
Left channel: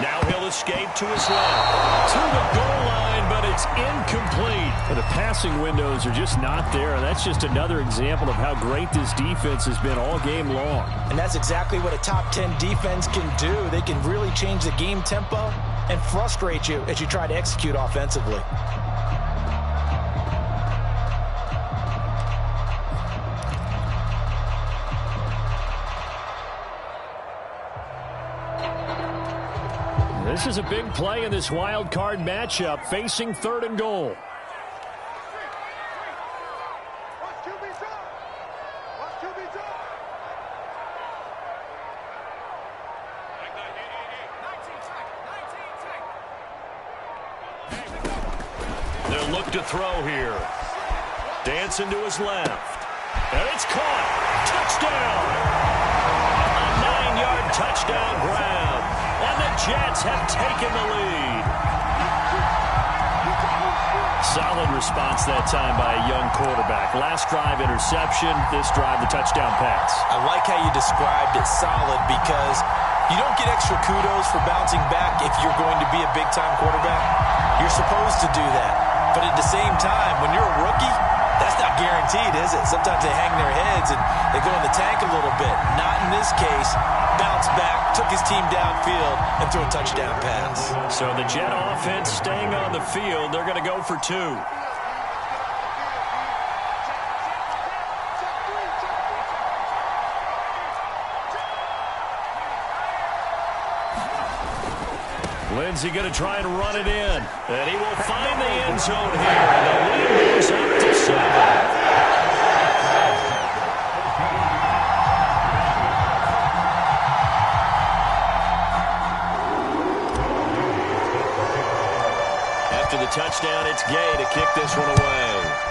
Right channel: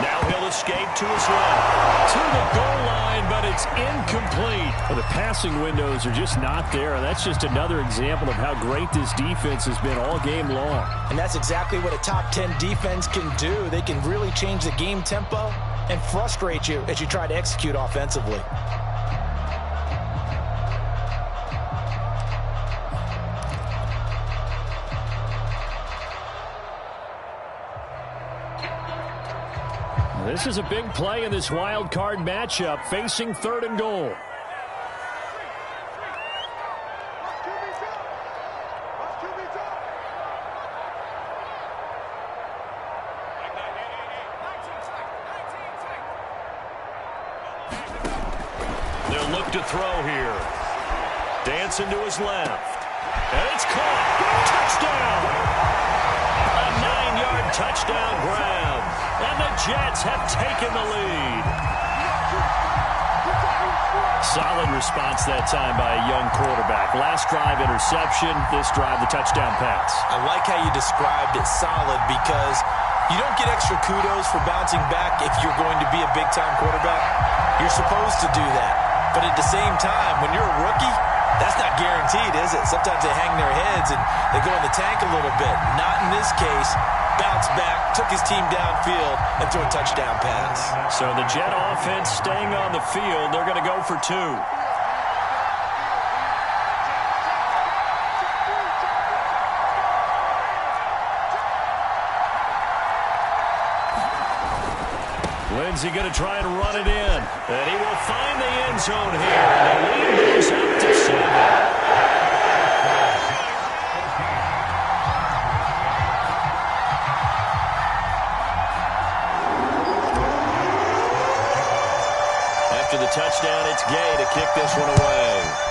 Now he'll escape to his left. To the goal line, but it's incomplete. Well, the passing windows are just not there, and that's just another example of how great this defense has been all game long. And that's exactly what a top 10 defense can do. They can really change the game tempo and frustrate you as you try to execute offensively. This is a big play in this wild card matchup, facing 3rd and goal. Watch QB drop. Watch QB drop. 19. They'll look to throw here. Dancing to his left. And it's caught. Touchdown. A 9-yard touchdown grab. And the Jets have taken the lead. Solid response that time by a young quarterback. Last drive interception. This drive the touchdown pass. I like how you described it, solid, because you don't get extra kudos for bouncing back if you're going to be a big-time quarterback. You're supposed to do that. But at the same time, when you're a rookie, that's not guaranteed, is it? Sometimes they hang their heads and they go in the tank a little bit. Not in this case. Bounced back, took his team downfield, and threw a touchdown pass. So the Jet offense staying on the field. They're going to go for 2. Lindsey going to try and run it in. And he will find the end zone here. And the lead moves up to 7. after the touchdown, it's Gay to kick this one away.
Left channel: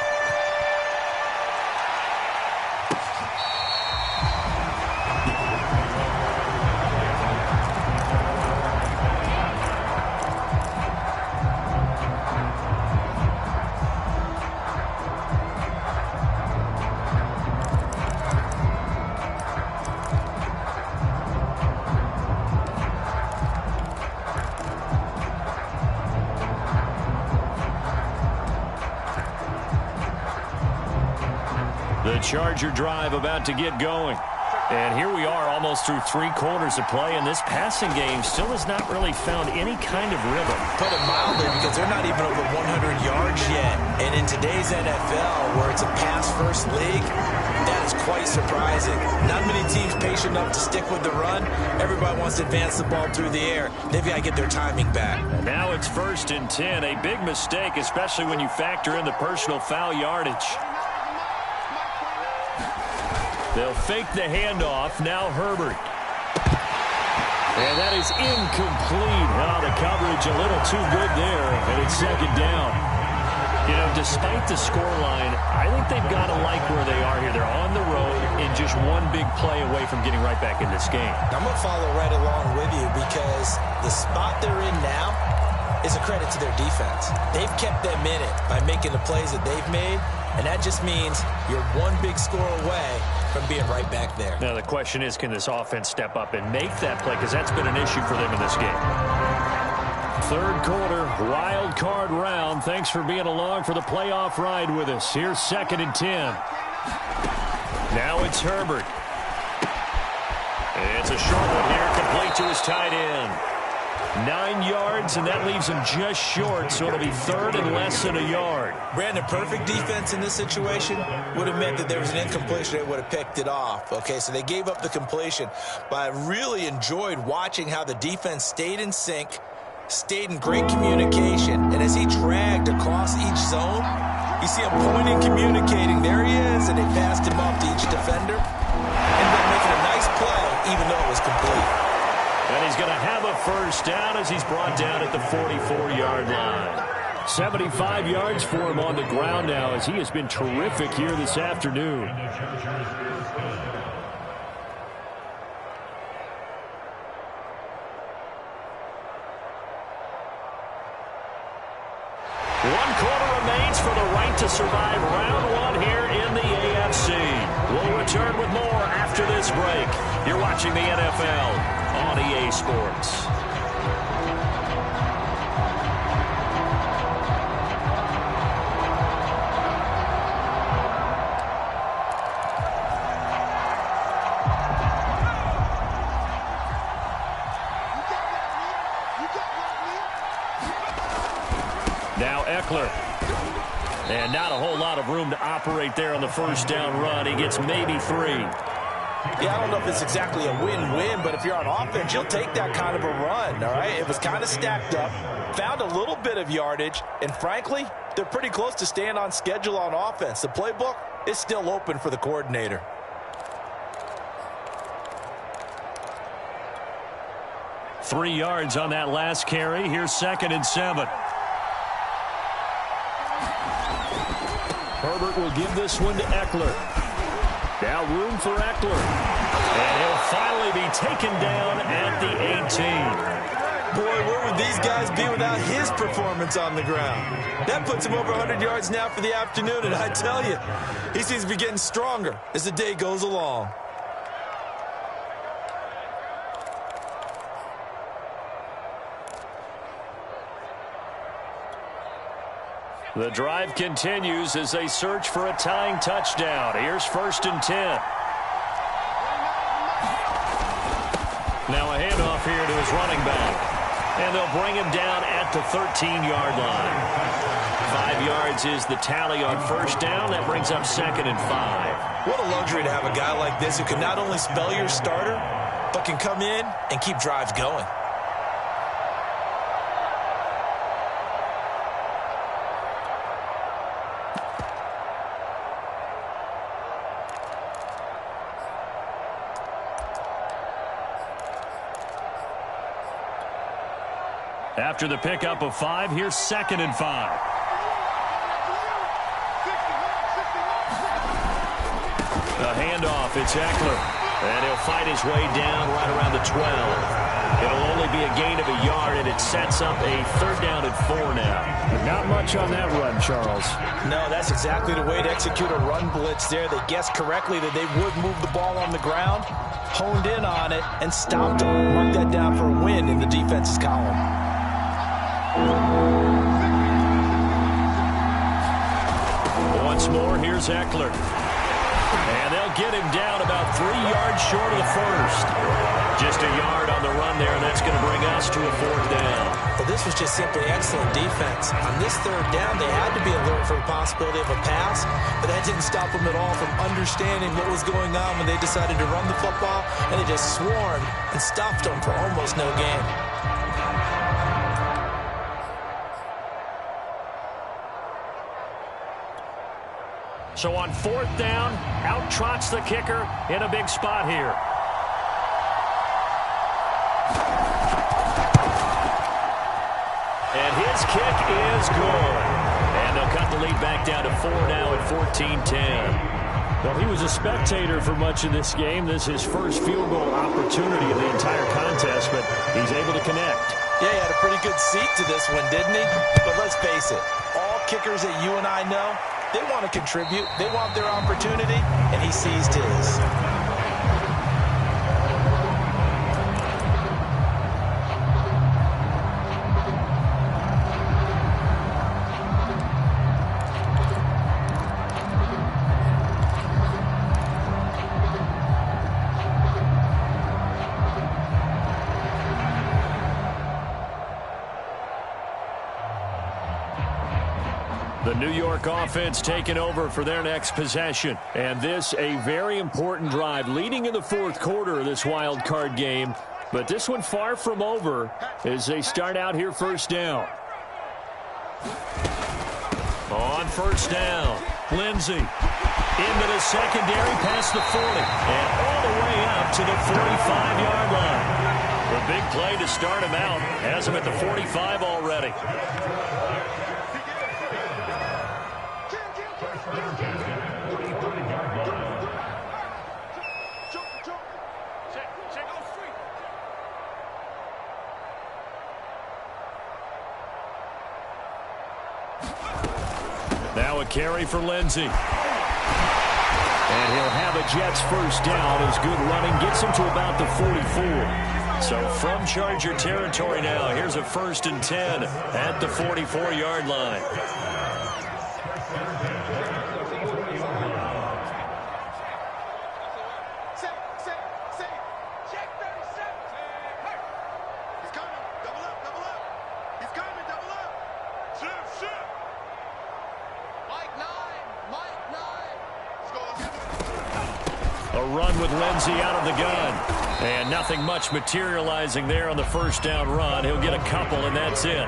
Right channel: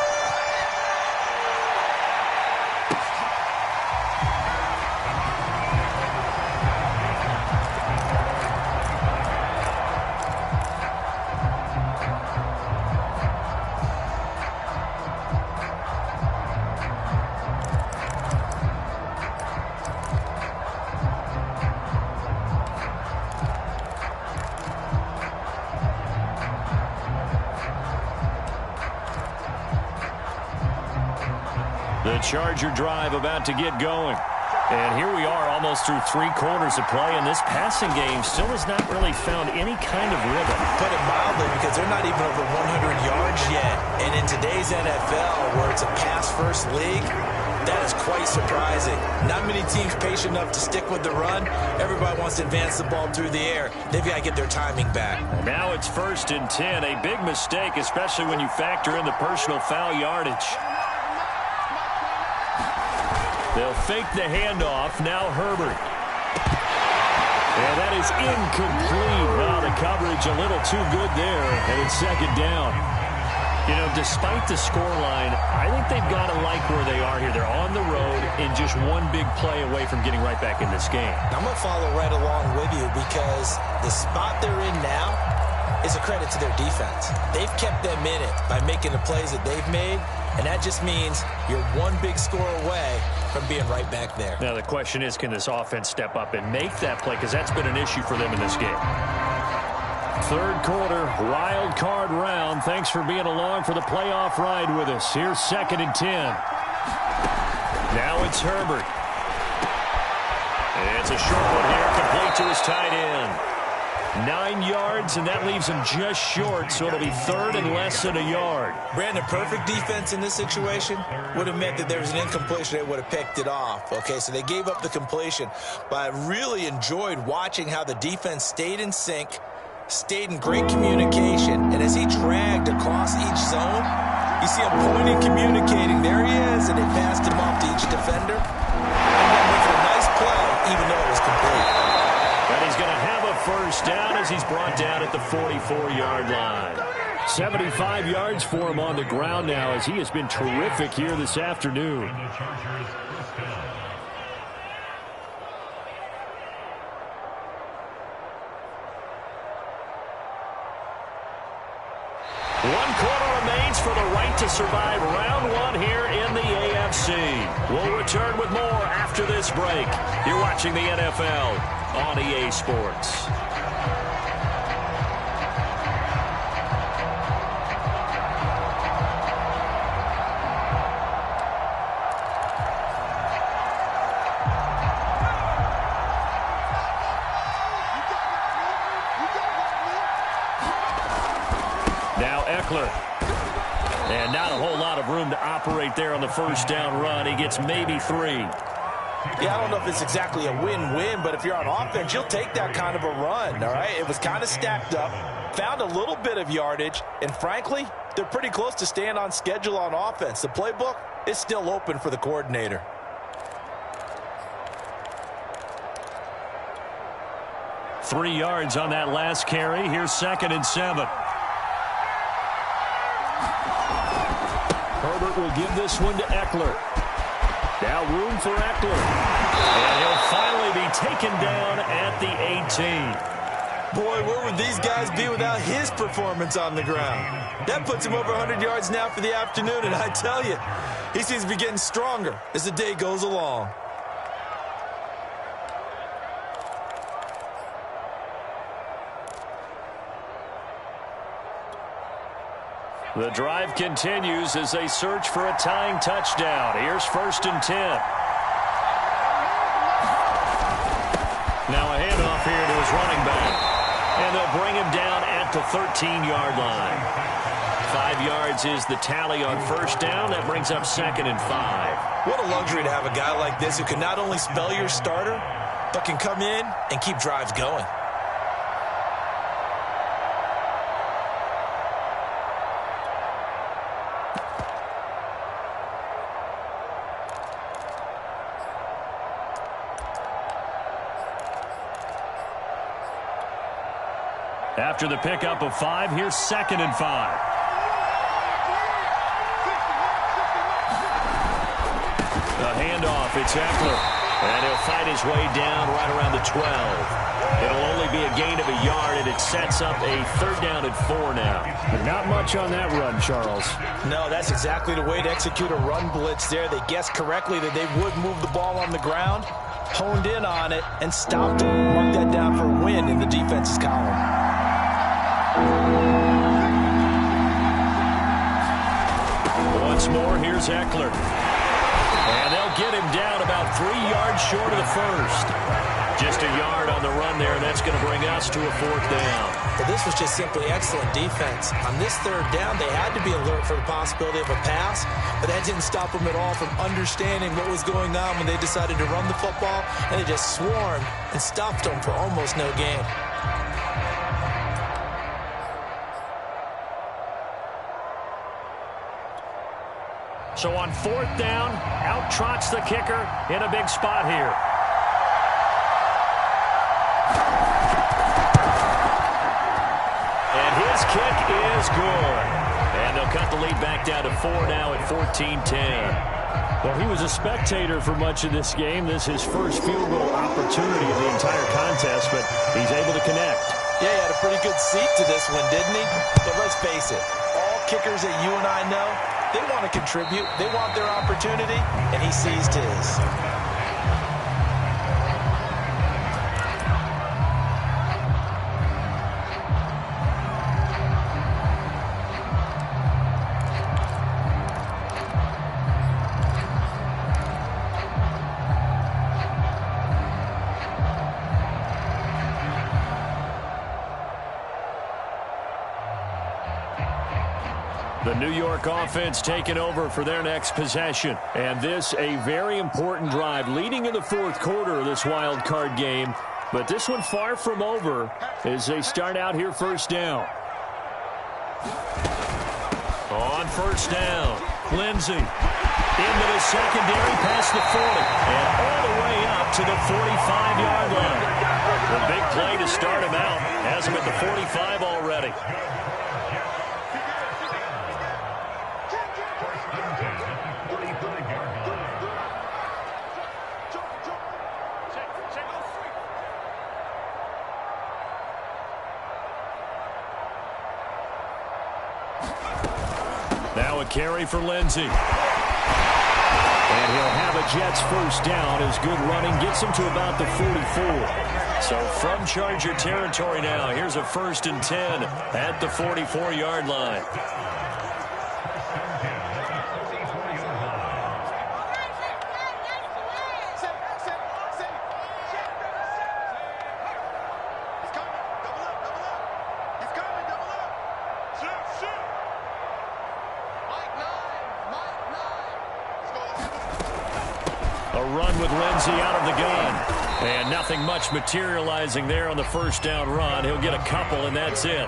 The Charger drive about to get going. And here we are almost through 3 quarters of play, and this passing game still has not really found any kind of rhythm. Put it mildly, because they're not even over 100 yards yet. And in today's NFL, where it's a pass-first league, that is quite surprising. Not many teams patient enough to stick with the run. Everybody wants to advance the ball through the air. They've got to get their timing back. And now it's 1st and 10. A big mistake, especially when you factor in the personal foul yardage. They'll fake the handoff. Now Herbert. And that is incomplete. Oh, the coverage a little too good there. And it's 2nd down. You know, despite the scoreline, I think they've got to like where they are here. They're on the road and just one big play away from getting right back in this game. I'm going to follow right along with you, because the spot they're in now is a credit to their defense. They've kept them in it by making the plays that they've made, and that just means you're one big score away from being right back there. Now the question is, can this offense step up and make that play? Because that's been an issue for them in this game. 3rd quarter, wild card round. Thanks for being along for the playoff ride with us. Here's 2nd and 10. Now it's Herbert. It's a short one here, complete to his tight end. 9 yards, and that leaves him just short, so it'll be 3rd and less than a yard. Brandon, perfect defense in this situation would have meant that there was an incompletion. They would have picked it off. Okay, so they gave up the completion. But I really enjoyed watching how the defense stayed in sync, stayed in great communication, and as he dragged across each zone, you see him pointing, communicating. There he is, and they passed him off to each defender. Ended up making a nice play, even though it was complete. And he's going to have a 1st down as he's brought down at the 44-yard line. 75 yards for him on the ground now, as he has been terrific here this afternoon. One quarter remains for the right to survive round 1 here in the AFC. We'll return with more after this break. You're watching the NFL on EA Sports. Now Eckler. And not a whole lot of room to operate there on the 1st down run. He gets maybe 3. Yeah, I don't know if it's exactly a win-win, but if you're on offense, you'll take that kind of a run, all right? It was kind of stacked up, found a little bit of yardage, and frankly, they're pretty close to staying on schedule on offense. The playbook is still open for the coordinator. Three yards on that last carry. Here's 2nd and 7. Herbert will give this one to Eckler. Now room for Eckler. And he'll finally be taken down at the 18. Boy, where would these guys be without his performance on the ground? That puts him over 100 yards now for the afternoon, and I tell you, he seems to be getting stronger as the day goes along. The drive continues as they search for a tying touchdown. Here's 1st and 10. Now a handoff here to his running back. And they'll bring him down at the 13-yard line. 5 yards is the tally on 1st down. That brings up 2nd and 5. What a luxury to have a guy like this who can not only spell your starter, but can come in and keep drives going. After the pickup of 5, here's 2nd and 5. The handoff, it's Eckler. And he'll fight his way down right around the 12. It'll only be a gain of a yard, and it sets up a 3rd down and 4 now. But not much on that run, Charles. No, that's exactly the way to execute a run blitz there. They guessed correctly that they would move the ball on the ground, honed in on it, and stopped them. Mark that down for a win in the defense's column. Once more, here's Eckler. And they'll get him down about 3 yards short of the 1st. Just a yard on the run there, and that's going to bring us to a 4th down. But this was just simply excellent defense. On this 3rd down, they had to be alert for the possibility of a pass, but that didn't stop them at all from understanding what was going on when they decided to run the football, and they just swarmed and stopped them for almost no gain. So on 4th down, out trots the kicker in a big spot here. And his kick is good. And they'll cut the lead back down to 4 now at 14-10. Well, he was a spectator for much of this game. This is his first field goal opportunity of the entire contest, but he's able to connect. Yeah, he had a pretty good seat to this one, didn't he? But let's face it, all kickers that you and I know, they want to contribute. They want their opportunity, and he seized his. The New York offense taking over for their next possession. And this a very important drive leading in the 4th quarter of this wild card game. But this one far from over as they start out here 1st down. On 1st down, Lindsey into the secondary past the 40 and all the way up to the 45-yard line. The big play to start him out has him at the 45 already. Now a carry for Lindsey. And he'll have a Jets 1st down as good running gets him to about the 44. So from Charger territory now, here's a 1st and 10 at the 44-yard line. A run with Lindsey out of the gun. And nothing much materializing there on the 1st down run. He'll get a couple, and that's it.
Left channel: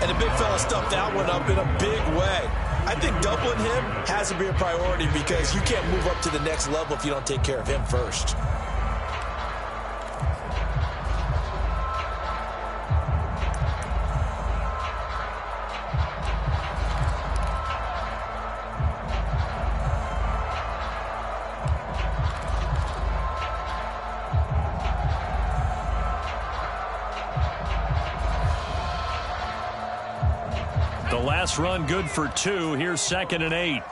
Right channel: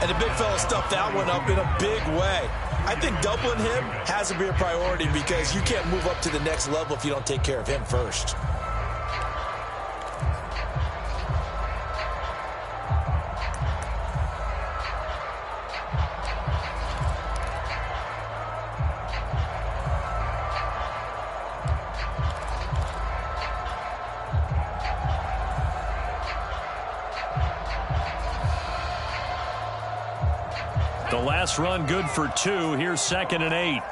And the big fella stuffed that one up in a big way. I think doubling him has to be a priority because you can't move up to the next level if you don't take care of him first. The last run good for 2. Here's 2nd and 8.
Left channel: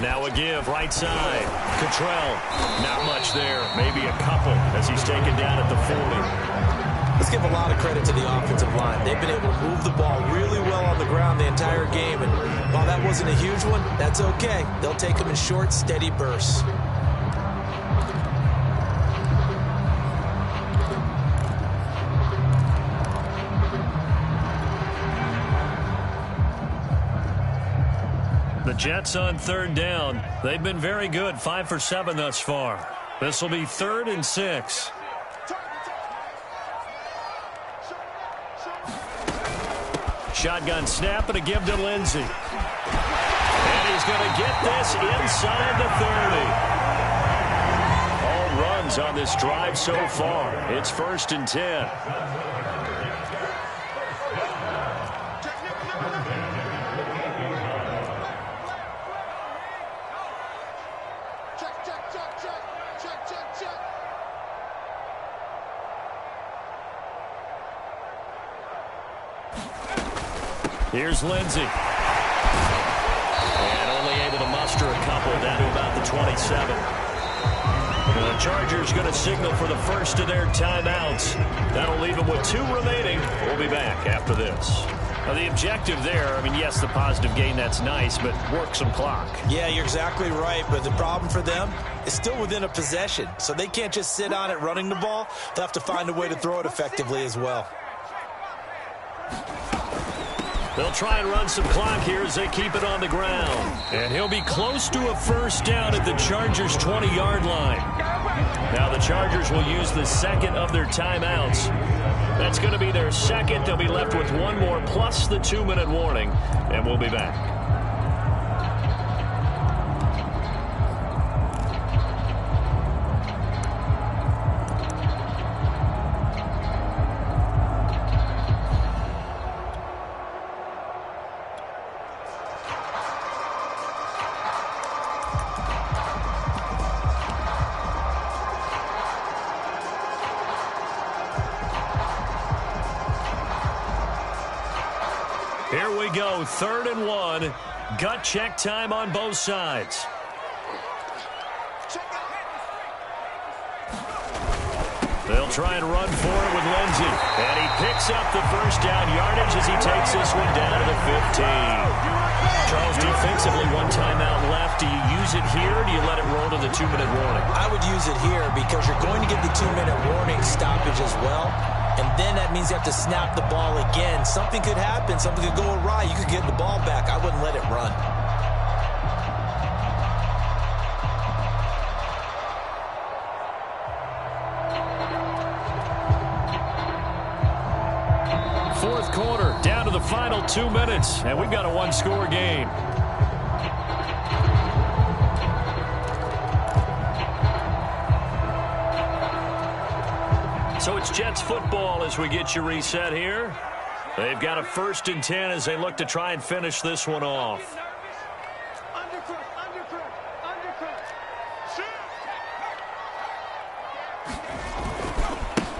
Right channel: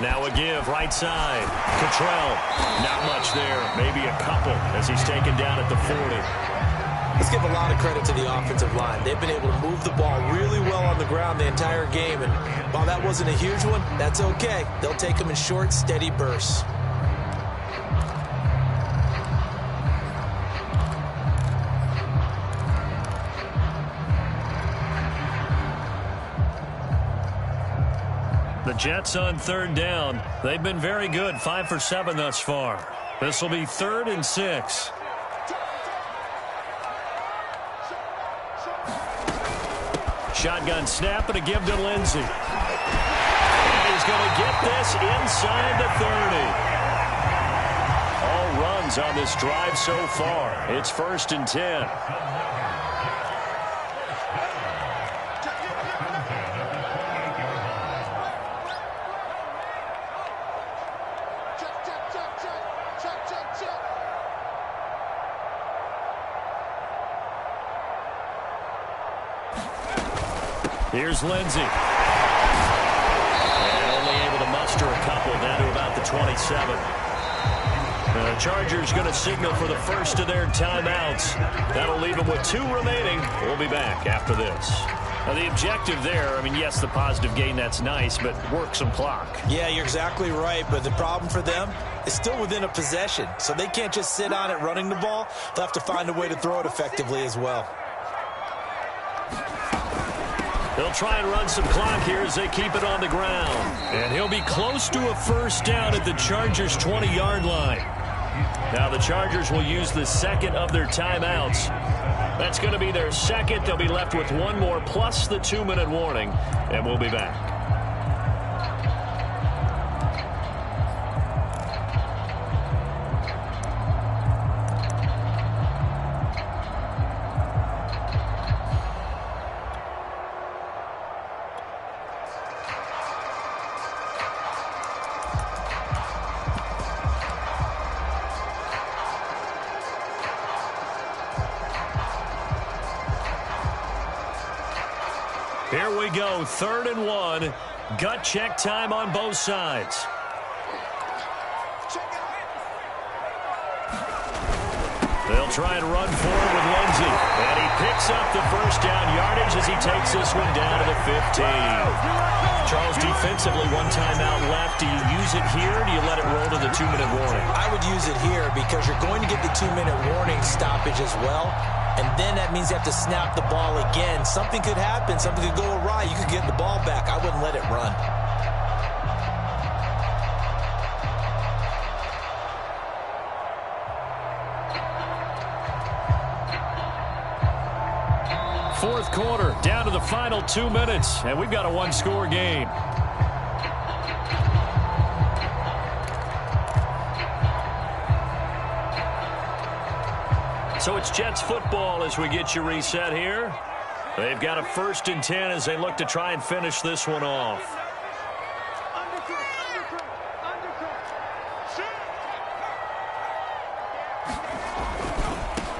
Now a give, right side. Cottrell, not much there. Maybe a couple as he's taken down at the 40. Let's give a lot of credit to the offensive line. They've been able to move the ball really well on the ground the entire game. And while that wasn't a huge one, that's okay. They'll take them in short, steady bursts. The Jets on 3rd down. They've been very good, 5 for 7 thus far. This will be 3rd and 6. Shotgun snap and a give to Lindsey. And And he's going to get this inside the 30. All runs on this drive so far. It's 1st and 10. Here's Lindsey. And only able to muster a couple down to about the 27. The Chargers going to signal for the first of their timeouts. That'll leave them with 2 remaining. We'll be back after this. Now, the objective there, I mean, yes, the positive gain, that's nice, but work some clock. Yeah, you're exactly right, but the problem for them is still within a possession, so they can't just sit on it running the ball. They'll have to find a way to throw it effectively as well. They'll try and run some clock here as they keep it on the ground. And he'll be close to a first down at the Chargers' 20-yard line. Now the Chargers will use the second of their timeouts. That's going to be their second. They'll be left with 1 more plus the 2-minute warning. And we'll be back. Here we go, 3rd and 1. Gut check time on both sides. They'll try and run for it with Lindsey. And he picks up the first down yardage as he takes this one down to the 15. Charles, defensively, 1 timeout left. Do you use it here, or do you let it roll to the 2-minute warning? I would use it here because you're going to get the 2-minute warning stoppage as well. And then that means you have to snap the ball again. Something could happen. Something could go awry. You could get the ball back. I wouldn't let it run. Fourth quarter, down to the final 2 minutes, and we've got a 1-score game. So it's Jets football as we get you reset here. They've got a 1st and 10 as they look to try and finish this one off.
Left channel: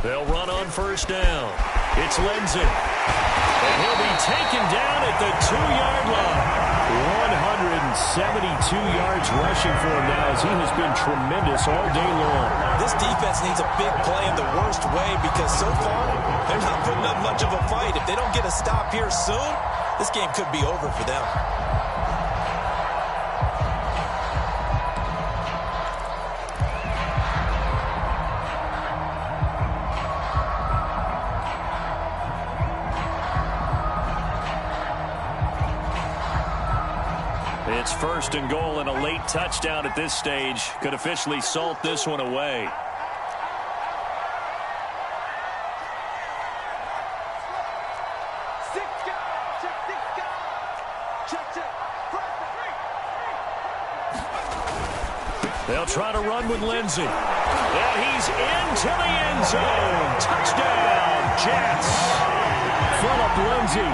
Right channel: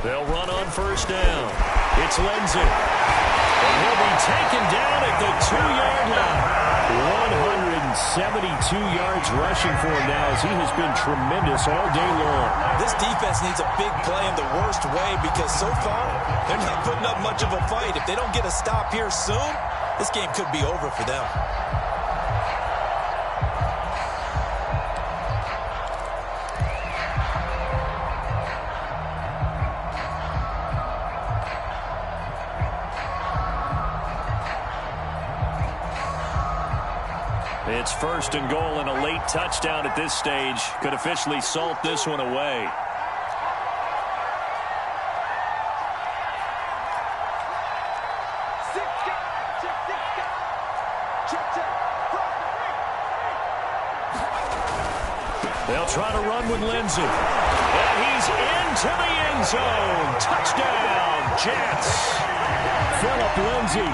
They'll run on 1st down. It's Lindsey. And he'll be taken down at the 2-yard line. 172 yards rushing for him now as he has been tremendous all day long. This defense needs a big play in the worst way because so far they're not putting up much of a fight. If they don't get a stop here soon, this game could be over for them. It's 1st and goal, and a late touchdown at this stage could officially salt this one away. They'll try to run with Lindsey. And he's into the end zone. Touchdown, Jets. Phillip Lindsey,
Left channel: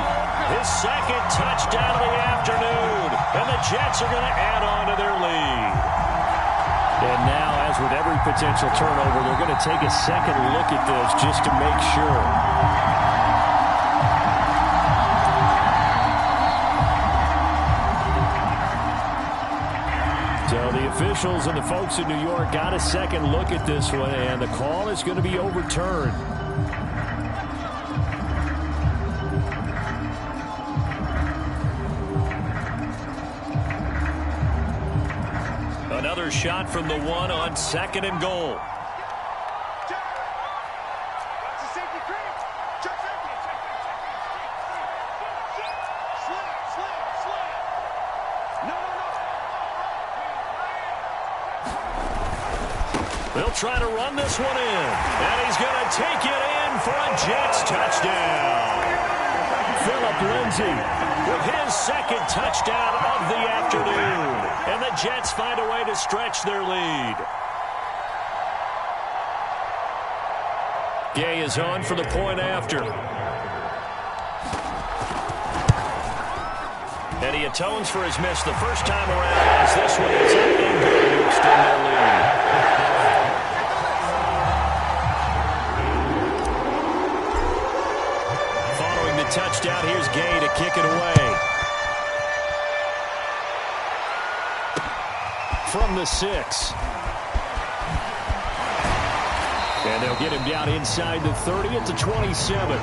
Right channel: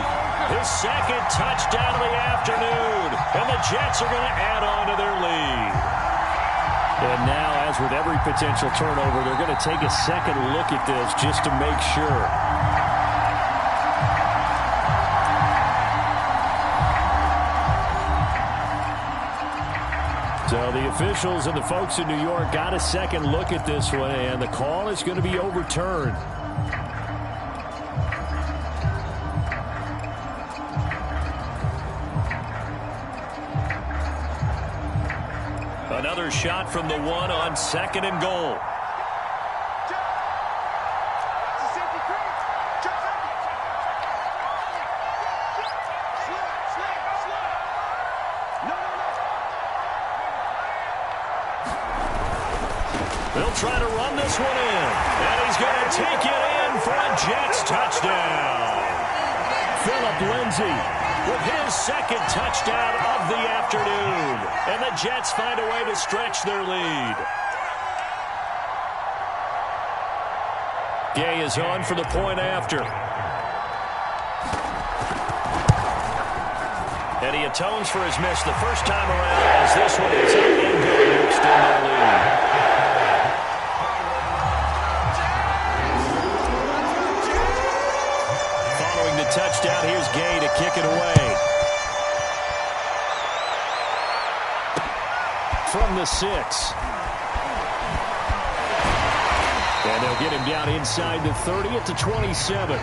his 2nd touchdown of the afternoon. And the Jets are going to add on to their lead. And now, as with every potential turnover, they're going to take a second look at this just to make sure. So the officials and the folks in New York got a second look at this one, and the call is going to be overturned. Another shot from the 1 on 2nd and goal. They'll try to run this one in. And he's going to take it in for a Jets touchdown. Phillip Lindsay with his second touchdown of the afternoon. And the Jets find a way to stretch their lead. Gay is on for the point after. And he atones for his miss the first time around as this one is up and good to extend their lead. Following the touchdown, here's Gay to kick it away. From the 6. And they'll get him down inside the 30 at the 27.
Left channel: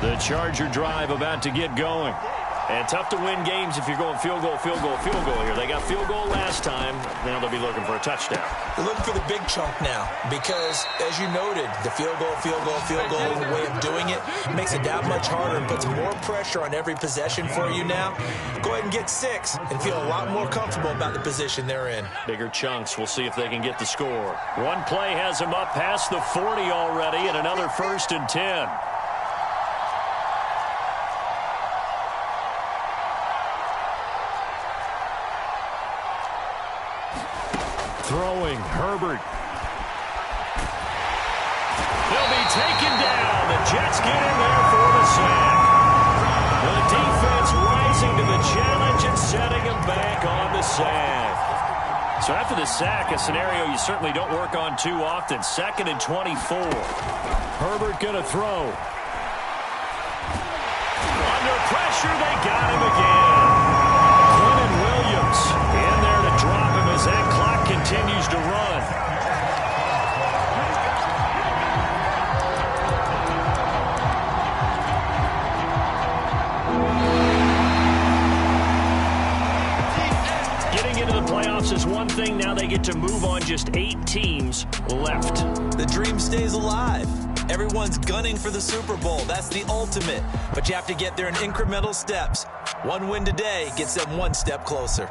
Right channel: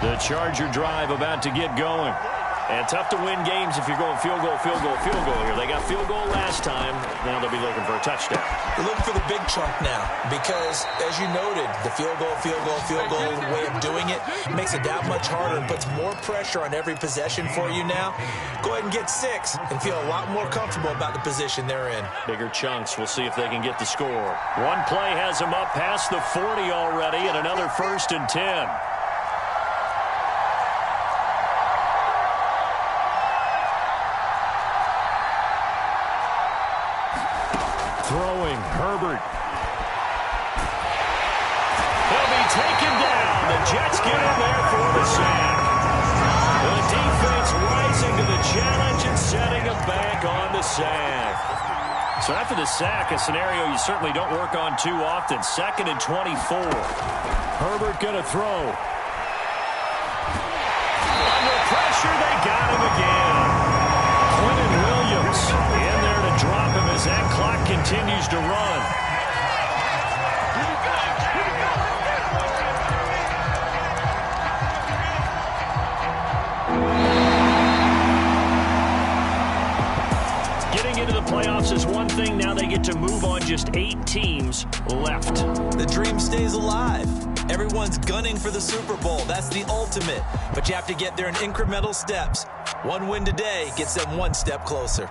The Charger drive about to get going. And tough to win games if you're going field goal, field goal, field goal here. They got field goal last time. Now they'll be looking for a touchdown. They're looking for the big chunk now because, as you noted, the field goal way of doing it makes it that much harder and puts more pressure on every possession for you now. Go ahead and get 6 and feel a lot more comfortable about the position they're in. Bigger chunks. We'll see if they can get the score. One play has them up past the 40 already, and another 1st and 10. Throwing, Herbert. They'll be taken down. The Jets get in there for the sack. The defense rising to the challenge and setting them back on the sack. So after the sack, a scenario you certainly don't work on too often. 2nd and 24. Herbert going to throw. Under pressure, they got him again. Quentin Williams in there to drop him as that clock continues to run. Getting into the playoffs is one thing. Now they get to move on. Just 8 teams left. The dream stays alive. Everyone's gunning for the Super Bowl. That's the ultimate. But you have to get there in incremental steps. One win today gets them one step closer.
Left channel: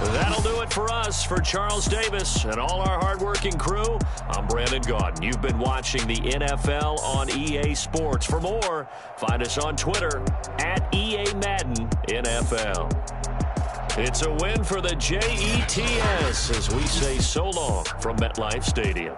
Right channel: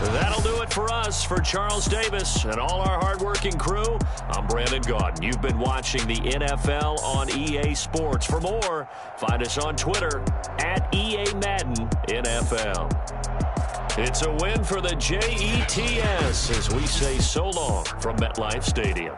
That'll do it for us. For Charles Davis and all our hardworking crew, I'm Brandon Gaudin. You've been watching the NFL on EA Sports. For more, find us on Twitter at EA Madden NFL. It's a win for the Jets as we say so long from MetLife Stadium.